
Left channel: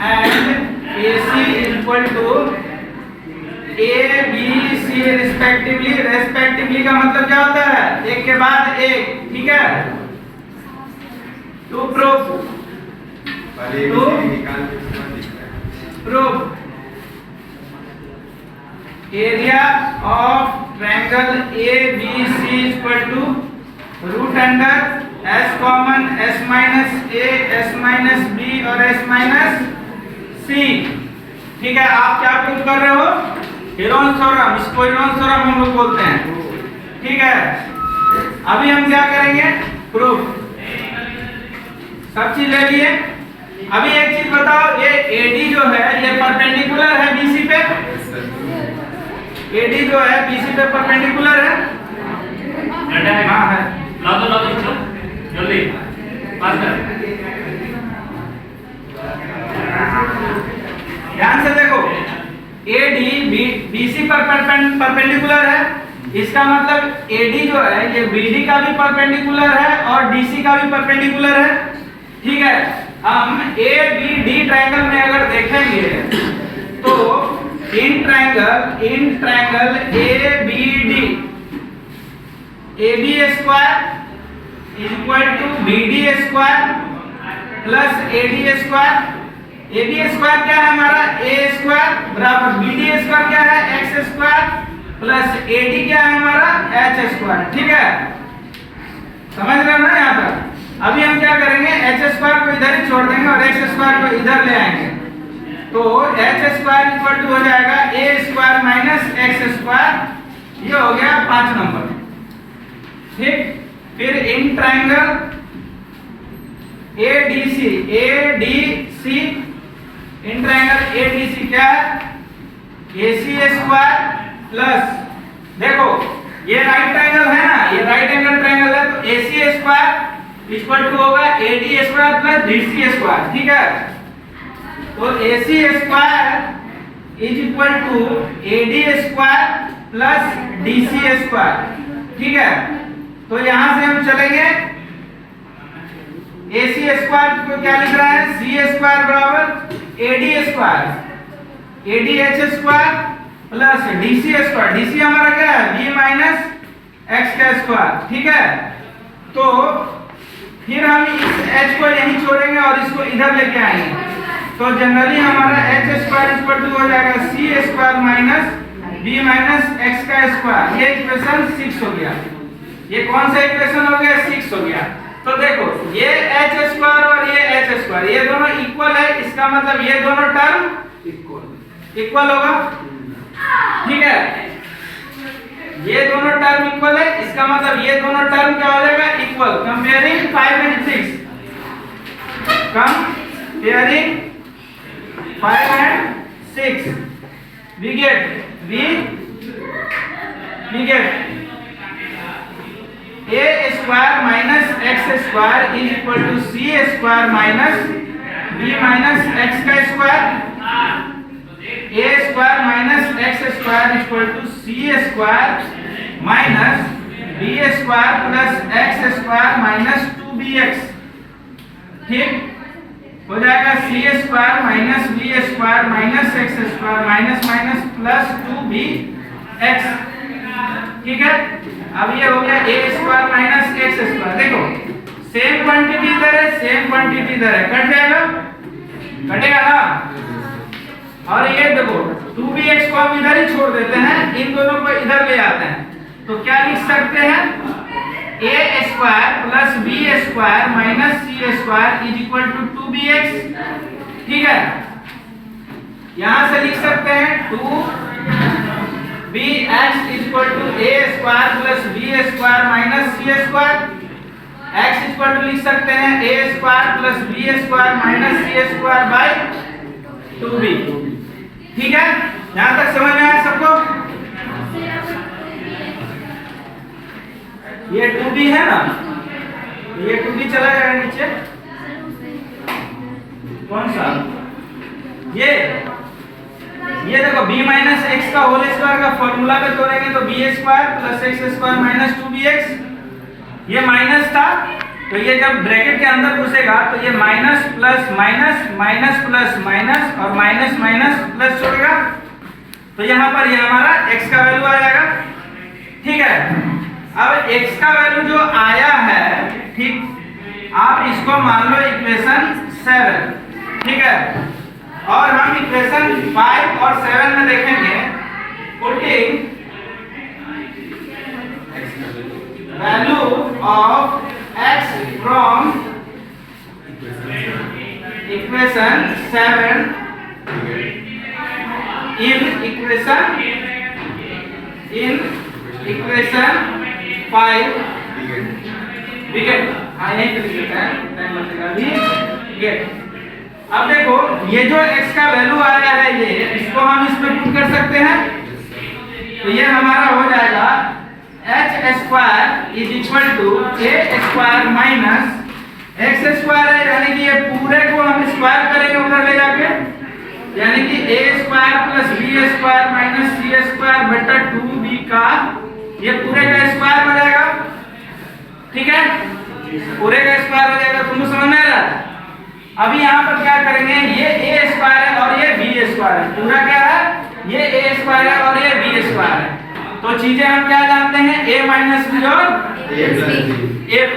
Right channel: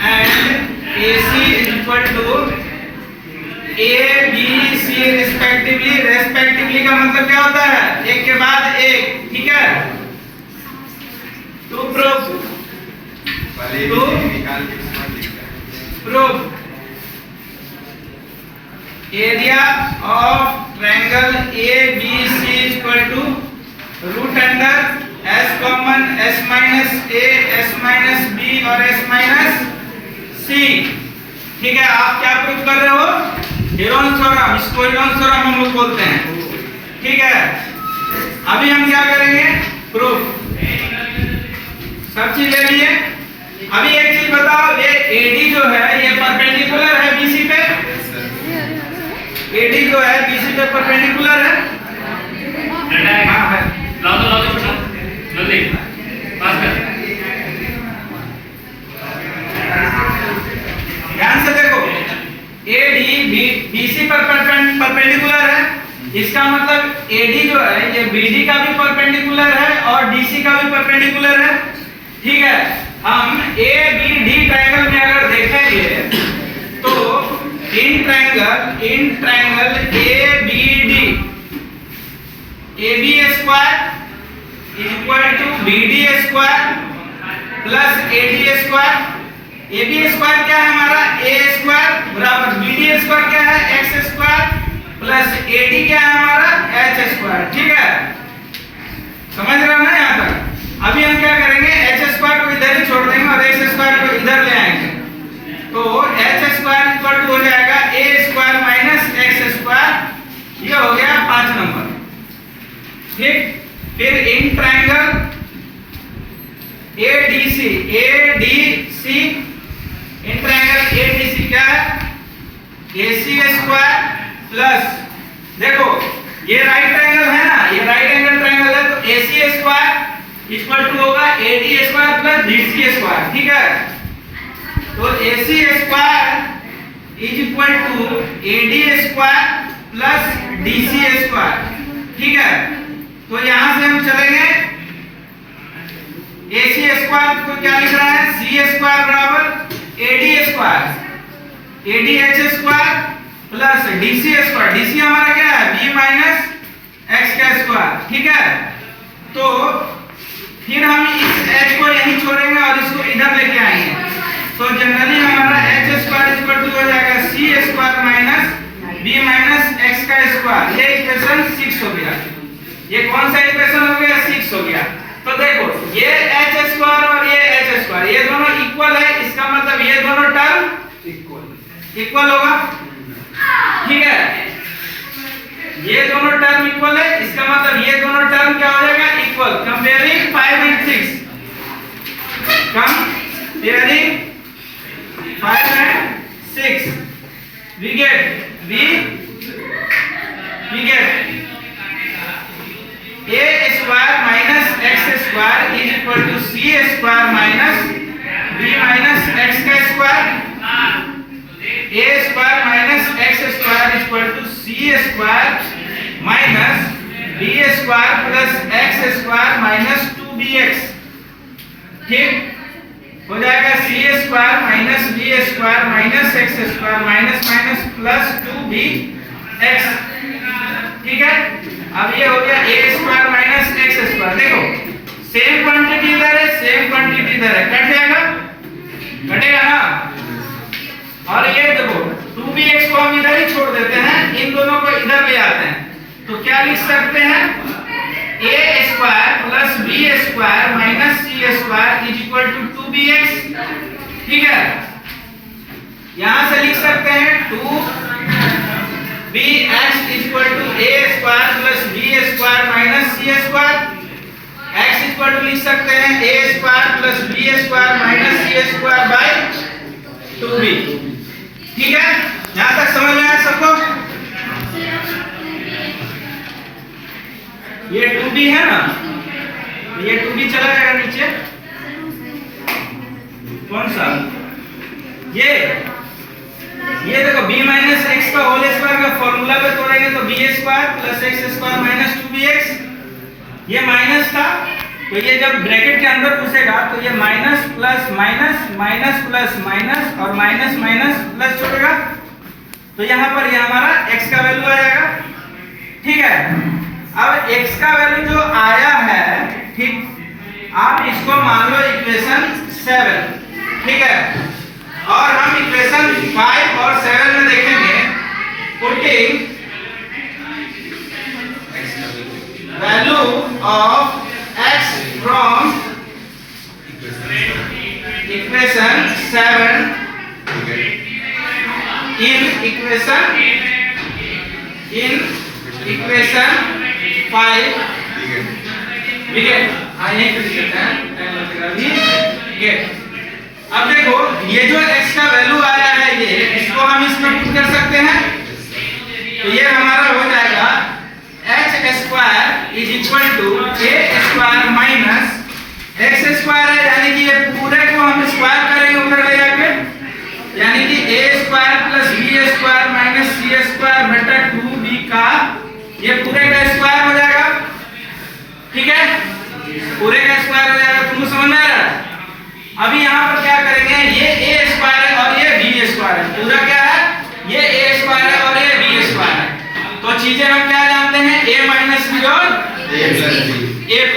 and AC equal to ABC respectively का मतलब क्या होता है? एक के बाद एक, ठीक है। To proof area of triangle ABC equal to root under S common S minus A, S minus B और S माइनस C, ठीक है। आप क्या प्रूफ कर रहे हो? हीरोन्स थ्योरम, इसको हीरोन्स थ्योरम हम लोग बोलते हैं, ठीक है। अभी हम क्या करेंगे? प्रूफ, सब चीज ले लिए। अभी एक चीज बताओ, ये AD जो है ये परपेंडिकुलर है BC पे, AD जो है BC पे परपेंडिकुलर है, हाँ है। जल्दी पास कर। ध्यान से देखो, AD BC पर परपेंडिकुलर है, इसका मतलब AD जो है ये BD का भी परपेंडिकुलर है और DC का भी परपेंडिकुलर है, ठीक है। हम ए बी डी ट्रायंगल में अगर देखेंगे तो in triangle A B D A B square is equal to B D square plus A D square. A B square क्या है हमारा ए स्क्वायर बराबर बी डी स्क्वायर क्या है x square plus A D क्या है हमारा H square. ठीक है, समझ रहे हो ना यहाँ तक? अभी हम क्या करेंगे एच स्क्वायर को इधर ही छोड़ देंगे और एक्स स्क्वायर को इधर ले आएंगे तो एच स्क्वायर इक्वल टू हो जाएगा ए स्क्वायर माइनस एक्स स्क्वायर। ये हो गया 5 नंबर। ठीक, फिर in triangle ADC in triangle ADC क्या है एसी स्क्वायर प्लस देखो ये राइट ट्रायंगल है ना, ये राइट एंगल ट्रायंगल है तो एसी स्क्वायर इक्वल टू होगा AD square plus BC square. ठीक है, तो AC square is equal to AD square plus DC square. ठीक है, तो यहां से हम चलेंगे AC स्क्वायर को क्या लिख रहा है सी स्क्वायर बराबर AD square ADH square plus DC square. DC हमारा क्या है B माइनस x का स्क्वायर। ठीक है, तो फिर हम इस h को यहीं छोड़ेंगे और इसको इधर लेके आएंगे तो जनरली हमारा h स्क्वायर इक्वल टू हो जाएगा c square minus b minus x का स्क्वायर। ये इक्वेशन 6 हो गया। ये कौन सा इक्वेशन हो गया 6 हो गया। तो देखो ये h स्क्वायर और ये h स्क्वायर ये दोनों इक्वल है, इसका मतलब ये दोनों टर्म इक्वल होगा। ठीक है, ये दोनों टर्म इक्वल है, इसका मतलब ये दोनों टर्म क्या हो जाएगा equal. Comparing 5 and 6 comparing 5 and 6 we get a square minus x square is equal to c square minus b minus x का square। a square minus x square is equal to c square minus b square plus x square minus 2bx। ठीक हो जाएगा c square minus b square minus x square minus minus plus 2bx। ठीक है, अब ये हो गया a square minus x square. देखो सेम क्वांटिटी इधर है सेम क्वांटिटी इधर है, कट जाएगा कटेगा ना। और ये देखो 2bx को हम इधर ही छोड़ देते हैं, इन दोनों को इधर ले आते हैं तो क्या लिख सकते हैं a square plus b square minus c square is equal to 2bx। ठीक है, यहां से लिख सकते हैं 2bx equal to a square plus b square minus c square. x equal to लिख सकते हैं a square plus b square minus c square by 2b। ठीक है, यहां तक समझ में आया सबको? ये 2b है ना, तो ये 2b चला जाएगा नीचे। कौन सा ये देखो b माइनस एक्स का होल स्क्वायर का फॉर्मूला पे तोड़ेंगे तो b square plus x square minus 2bx। ये माइनस था तो ये जब ब्रैकेट के अंदर घुसेगा तो ये minus plus minus minus plus minus और माइनस माइनस प्लस छोड़ेगा तो यहाँ पर ये हमारा x का वैल्यू आ जाएगा। ठीक है, अब x का वैल्यू जो आया है, ठीक, आप इसको मान लो इक्वेशन 7। ठीक है, और हम इक्वेशन 5 और 7 में देखेंगे putting value of x from equation 7 in equation 5 we get यहीं पे लिखते हैं टाइम लगेगा अभी get। अब देखो ये जो x का वैल्यू आया है ये इसको हम इसमें पुट कर सकते हैं तो ये हमारा हो जाएगा h square is equal to a square minus x square है, यानी कि ये पूरे को हम स्क्वायर करेंगे उधर ले जाके, यानी कि a square plus b square minus c square बटा 2b का ये पूरे का स्क्वायर हो जाएगा। ठीक है, पूरे का स्क्वायर हो जाएगा। तुमको समझ में आ रहा है? अभी यहाँ पर क्या करेंगे, ये ए स्क्वायर है और ये बी स्क्वायर है, पूरा क्या है, ये ए स्क्वायर है और ये बी स्क्वायर है। तो चीजें हम क्या जानते हैं, ए माइनस बी और ए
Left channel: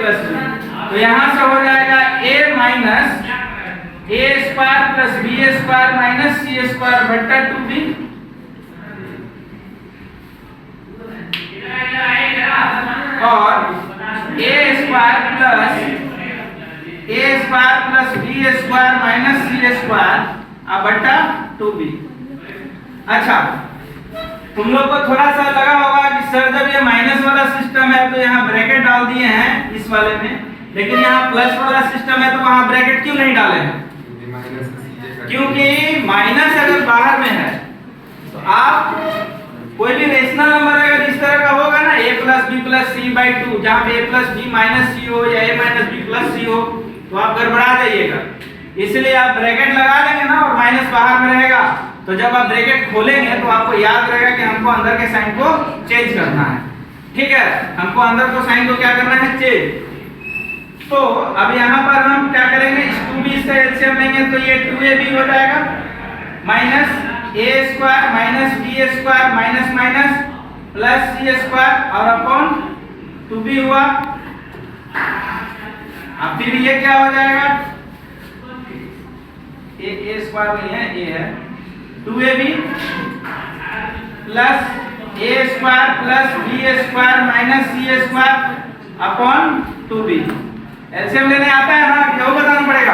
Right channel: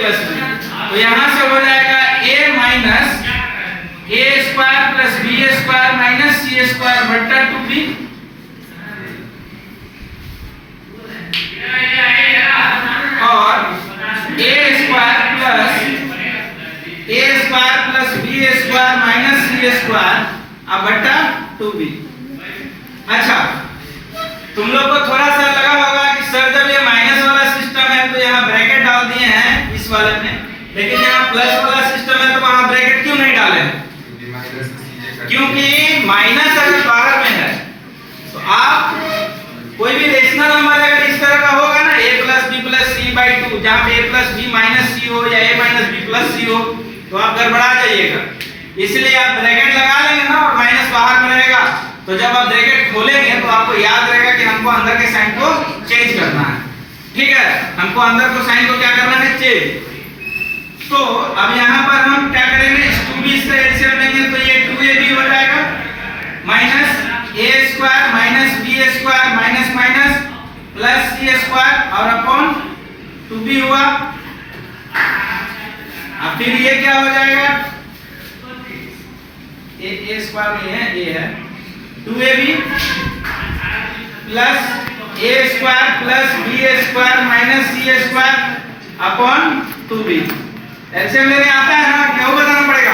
प्लस बी। तो यहाँ से हो जाएगा A minus A square plus B square minus C square बट्टा 2b और A square plus B square minus C square बट्टा 2b। अच्छा, तुम लोग को थोड़ा सा लगा होगा कि सर जब ये माइनस वाला सिस्टम है तो यहाँ ब्रैकेट डाल दिए हैं इस वाले में, लेकिन यहाँ प्लस वाला सिस्टम है तो वहाँ ब्रैकेट क्यों नहीं डाले हैं? क्योंकि माइनस अगर बाहर में है तो आप कोई भी रेशनल नंबर अगर इस तरह का होगा ना, a plus B plus C by 2, जहाँ पे a plus B minus C हो या a minus B plus C हो, तो आप गड़बड़ा जाइएगा। इसलिए आप ब्रैकेट लगा लेंगे ना और माइनस बाहर में रहेगा, तो जब आप ब्रैकेट खोलेंगे तो आपको याद रहेगा कि हमको अंदर के साइन को चेंज करना है। ठीक है, हमको अंदर को साइन को क्या करना है, चेंज। तो अब यहाँ पर हम क्या करेंगे, इस 2b से एलसीएम लेंगे तो ये 2ab हो जाएगा minus a square minus b square minus minus plus c square और अपॉन 2b हुआ। अब फिर ये क्या हो जाएगा, a स्क्वायर नहीं है, a है 2ab plus a square plus b square minus c square upon 2b। LCM लेने आता है ना, क्या बताना पड़ेगा?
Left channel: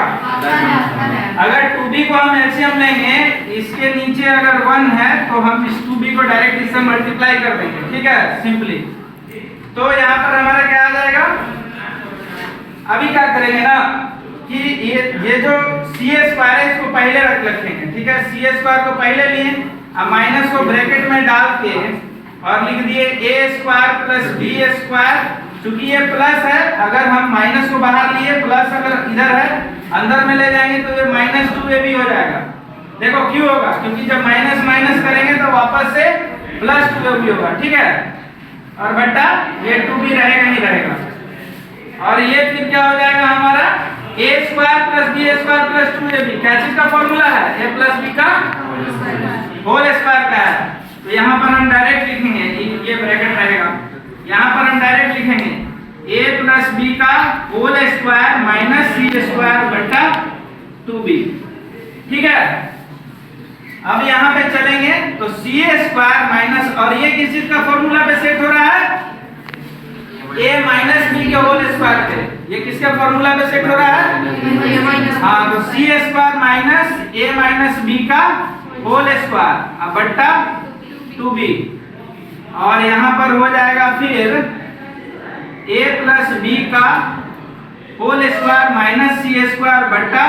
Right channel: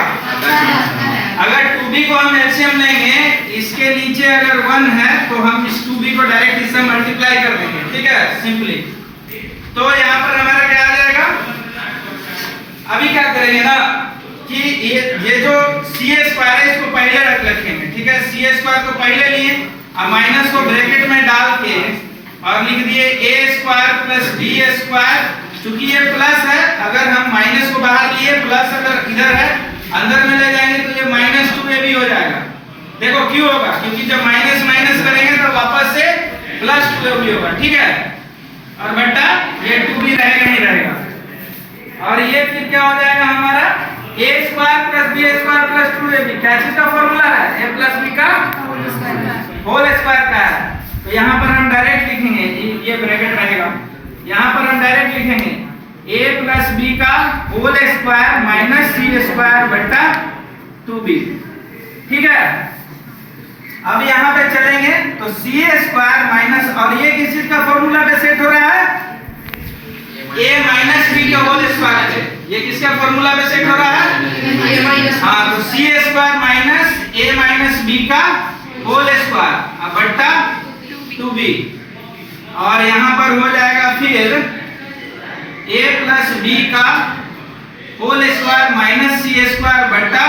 अगर 2b को हम एलसीएम लेंगे, इसके नीचे अगर 1 है तो हम इस 2b को डायरेक्ट इससे मल्टीप्लाई कर देंगे। ठीक है, सिंपली। तो यहाँ पर हमारा क्या आ जाएगा, अभी क्या करेंगे ना कि ये जो सी स्क्वायर है इसको पहले रखेंगे। ठीक है, सी स्क्वायर को पहले लिए, अब माइनस को ब्रैकेट में डाल के और लिख दिए a square plus b square. चूंकि ये प्लस है, अगर हम माइनस को बाहर लिए, प्लस अगर इधर है अंदर में ले जाएंगे तो ये माइनस 2ab हो जाएगा। देखो क्यों होगा, क्योंकि जब माइनस माइनस करेंगे तो वापस से प्लस 2ab होगा। ठीक है, और बट्टा ये 2b रहेगा ही रहेगा। और ये फिर क्या हो जाएगा हमारा, a square plus b square plus 2ab। क्या चीज का फॉर्मूला है, a प्लस b का होल स्क्वायर का है। तो यहाँ पर हम डायरेक्ट लिखेंगे, ये ब्रैकेट रहेगा, यहाँ पर हम डायरेक्ट लिखेंगे a प्लस b का whole square minus c square बट्टा 2b। ठीक है, अब यहाँ पे चलेंगे तो c स्क्वायर माइनस, और ये किस चीज का फॉर्मूला पे सेट हो रहा है, a माइनस b के होल स्क्वायर पे। ये किसका फॉर्मूला पे सेट हो रहा है, हाँ, तो c square minus a minus b का होल स्क्वायर बट्टा 2b। और यहाँ पर हो जाएगा फिर a प्लस b का whole square minus c square बट्टा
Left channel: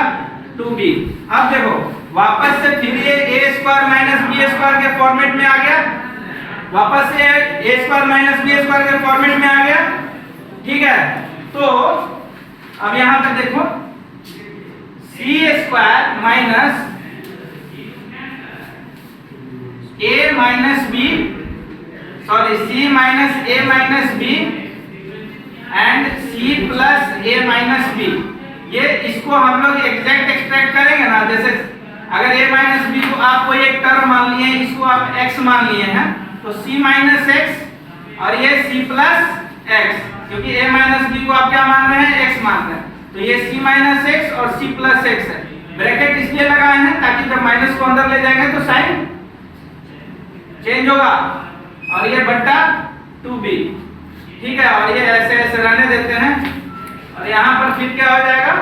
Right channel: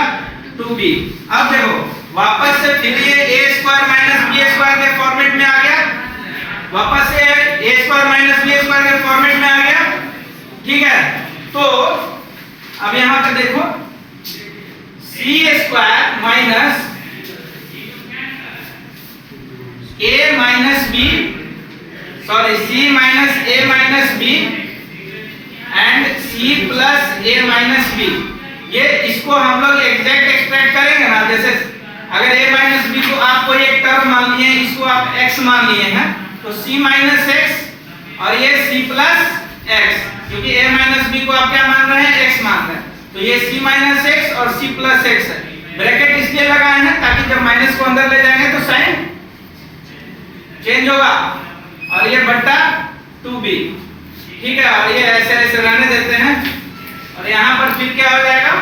2b। अब देखो वापस से फिर ये a square minus b square के फॉर्मेट में आ गया, वापस से a square minus b square के फॉर्मेट में आ गया। ठीक है, तो अब यहाँ पर देखो c square minus a minus b, sorry c minus a minus b and c plus a minus b। ये इसको हम लोग एग्जैक्ट एक्सट्रैक्ट करेंगे ना, जैसे अगर a माइनस b को आप कोई एक टर्म मान लिए, इसको आप x मान लिए हैं, तो c माइनस x और ये c प्लस x, क्योंकि a माइनस b को आप क्या मान रहे हैं, x मान रहे हैं, तो ये c माइनस x और c प्लस x है। ब्रैकेट इसलिए लगाए हैं ताकि जब माइनस को अंदर ले जाएंगे तो साइन चेंज होगा, और ये बट्टा 2b। ठीक है, और ये ऐसे ऐसे रहने देते हैं, और यहाँ पर फिर क्या हो जाएगा,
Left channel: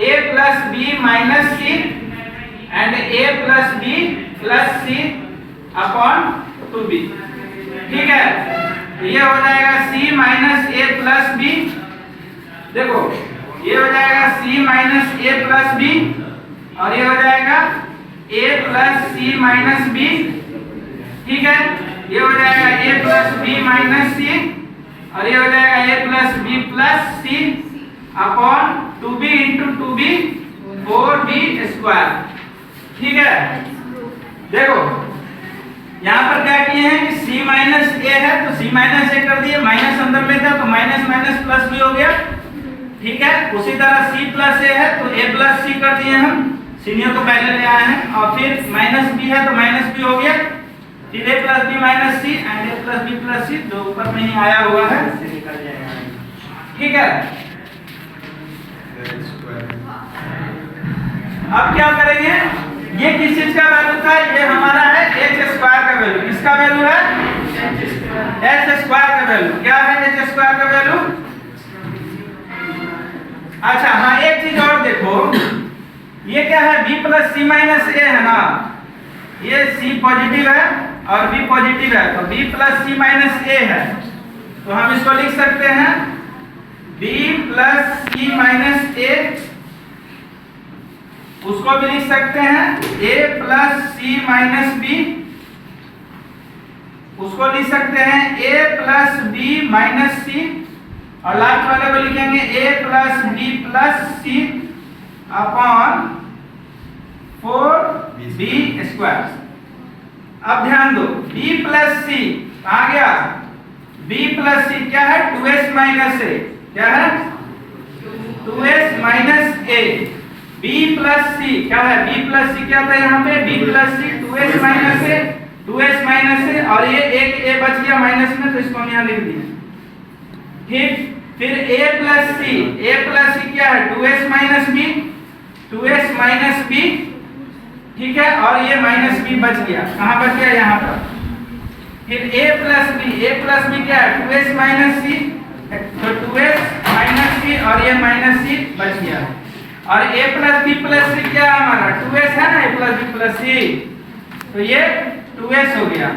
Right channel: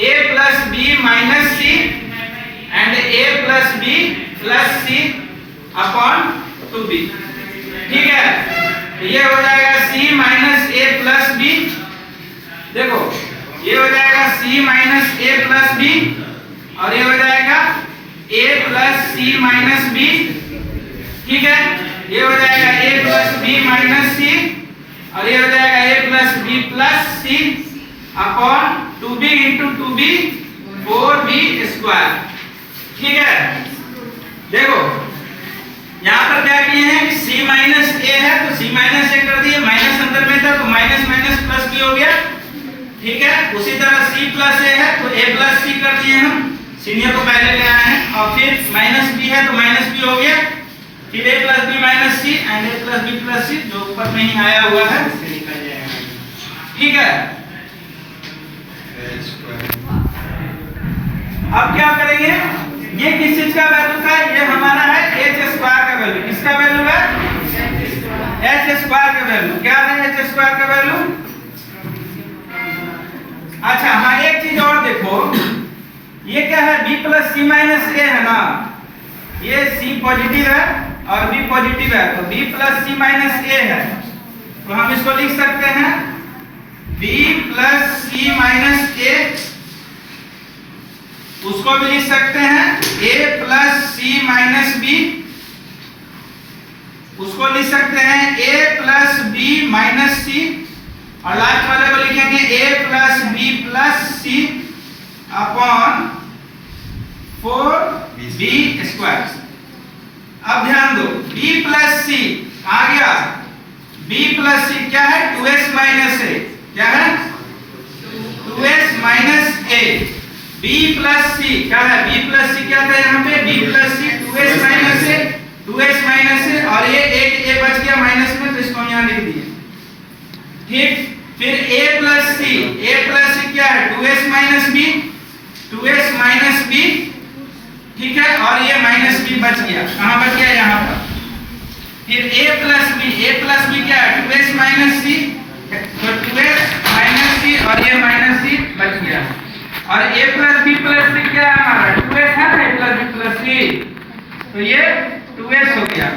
a plus b minus c and a plus b plus c upon 2b। ठीक है, तो ये हो जाएगा c minus a plus b। देखो ये हो जाएगा c minus a plus b और ये हो जाएगा a plus c minus b। ठीक है, ये हो जाएगा a plus b minus c और ये हो जाएगा a plus b plus c upon 2b into 2b 4b square. ठीक है, देखो यहाँ पर क्या किए हैं कि c माइनस a है तो c माइनस a कर दिए, माइनस अंदर में था तो माइनस माइनस प्लस भी हो गया। ठीक है। उसी तरह c प्लस a है तो a प्लस c कर दिए हम, सीनियर को पहले ले आए हैं। और फिर माइनस b है तो माइनस b हो गया, फिर a plus b minus c and a plus b plus c जो ऊपर में ही आया हुआ है, ठीक है। अब क्या करेंगे, ये किस चीज का वैल्यू था, ये हमारा है h स्क्वायर का वैल्यू। किसका वैल्यू है, h स्क्वायर का वैल्यू। क्या है h स्क्वायर का वैल्यू? अच्छा हाँ, एक चीज और देखो, ये क्या है, b plus c minus a है ना, ये c पॉजिटिव है और b पॉजिटिव है, तो b plus c minus a है, तो हम इसको लिख सकते हैं b plus c minus a, उसको भी लिख सकते हैं a plus c minus b, उसको लिख सकते हैं a plus b minus c, और लास्ट वाले को लिखेंगे a plus b plus c upon 4b square. अब ध्यान दो, b प्लस c आ गया, b प्लस c क्या है, 2s माइनस a, क्या है 2s minus a। b plus c क्या है, b प्लस c क्या था यहाँ पे, b plus c 2s minus a, 2s minus a, और ये एक a बच गया माइनस में, तो इसको हम यहाँ लिख दिए, ठीक। फिर a प्लस c क्या है, 2s minus b, 2s minus b, ठीक है, और ये माइनस b बच गया, कहाँ बच गया, यहाँ पर। फिर a प्लस b क्या है, 2s माइनस c, तो 2s माइनस c और ये माइनस c बच गया, और a plus b plus c क्या है हमारा, 2s है ना, a plus b plus c, तो ये 2s हो गया,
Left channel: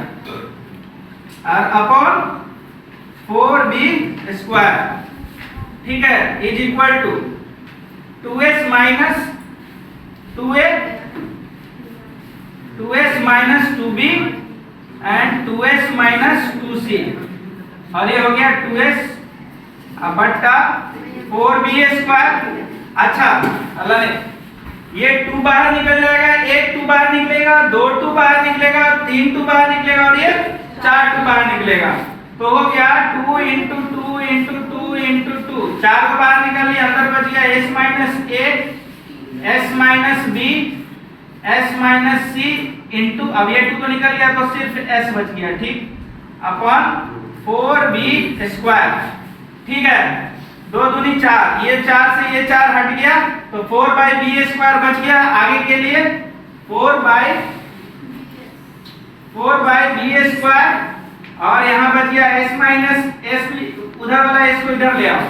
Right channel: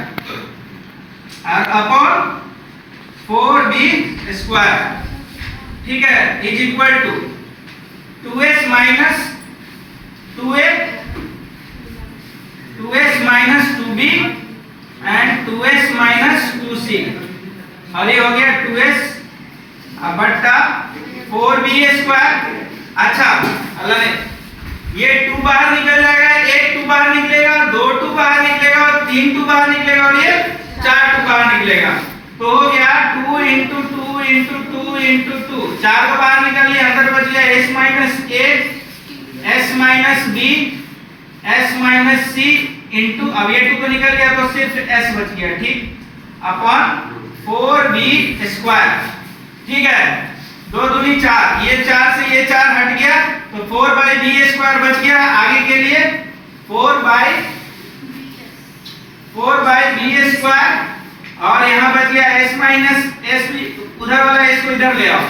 और अपॉन 4b स्क्वायर, ठीक है, is equal to 2s minus 2a, 2s minus 2b and 2s minus 2c, और ये हो गया 2s बट्टा 4b स्क्वायर। अच्छा अल्लाह ने, ये 2 बाहर निकल जाएगा, 1 2 बाहर निकलेगा, 2 2 बाहर निकलेगा, 3 2 बाहर निकलेगा, और ये 4 2 बाहर निकलेगा, तो हो गया 2 इंटू 2 इंटू 2 इंटू 2, 4 को बाहर निकल लिया, अंदर बच गया s minus a, s minus b, s minus c into, अब ये 2 तो निकल गया तो सिर्फ s बच गया, ठीक, अपॉन 4b स्क्वायर, ठीक है। 2 दूनी 4, ये 4 से ये 4 हट गया, तो 4/b स्क्वायर बच गया, आगे के लिए 4/b स्क्वायर, और यहाँ बच गया s माइनस s, उधर वाला s को इधर ले आओ,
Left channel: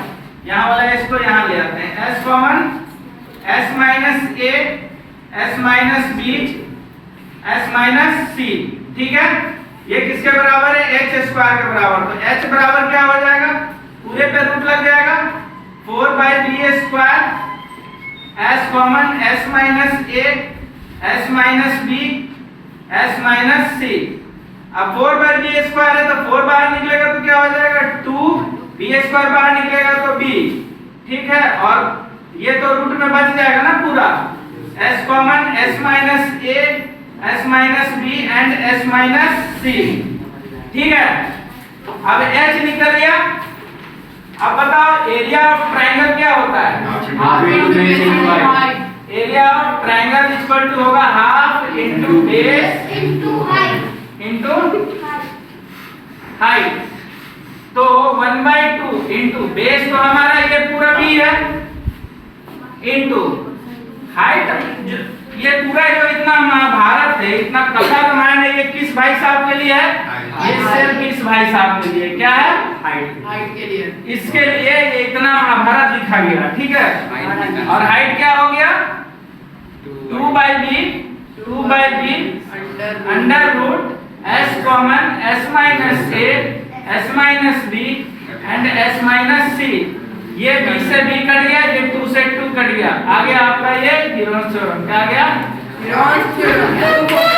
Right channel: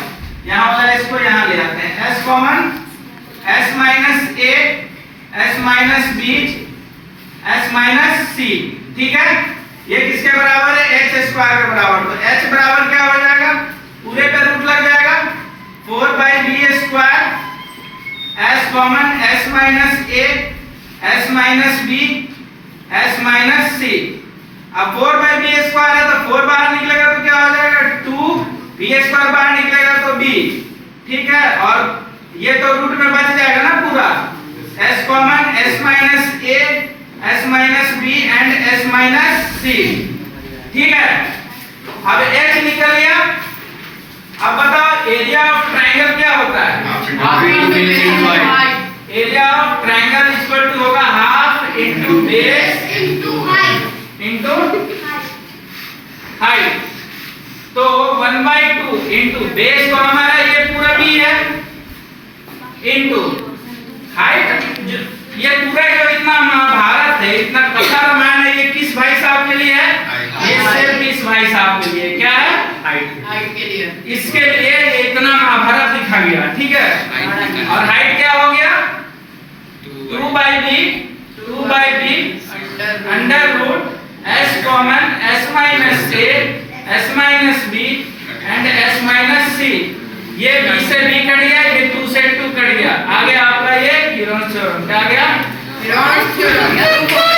यहाँ वाला s को यहाँ ले आते हैं, s common, s minus a, s minus b, s minus c, ठीक है। ये किसके बराबर है, h स्क्वायर के बराबर, तो h बराबर क्या हो जाएगा, पूरे पे रूट लग जाएगा, 4/b square, s common, s minus a, s minus b, s minus c। अब 4/b स्क्वायर है तो 4 बाहर निकलेगा तो क्या हो जाएगा, 2b स्क्वायर बाहर निकलेगा तो b, ठीक है, और ये तो रूट में बच जाएगा ना पूरा, s common, s minus a, s minus b and s minus c, ठीक है। अब h निकल गया, अब बताओ एरिया ऑफ ट्रायंगल क्या होता है, area of triangle equal to होगा half into base into height, तो 1/2 इनटू बेस तो हमारा ये पूरा b है, इनटू हाइट, ये पूरा जो इतना महाभारत है, इतना कथा रामायण है, ये किस भाई साहब के लिए है, ये सिर्फ इस भाई साहब के लिए, क्या है, हाइट के लिए, इसके लिए ये इतना महाभारत लिखा गया, ठीक है। और हाइट क्या हो गया, 2/b under root s common, s minus a, s minus b and s minus c, ये b से b कट गया, ये 2 से 2 कट गया, आ गया आपका ये हीरोन्स थ्योरम, क्या आ गया, हीरोन्स थ्योरम।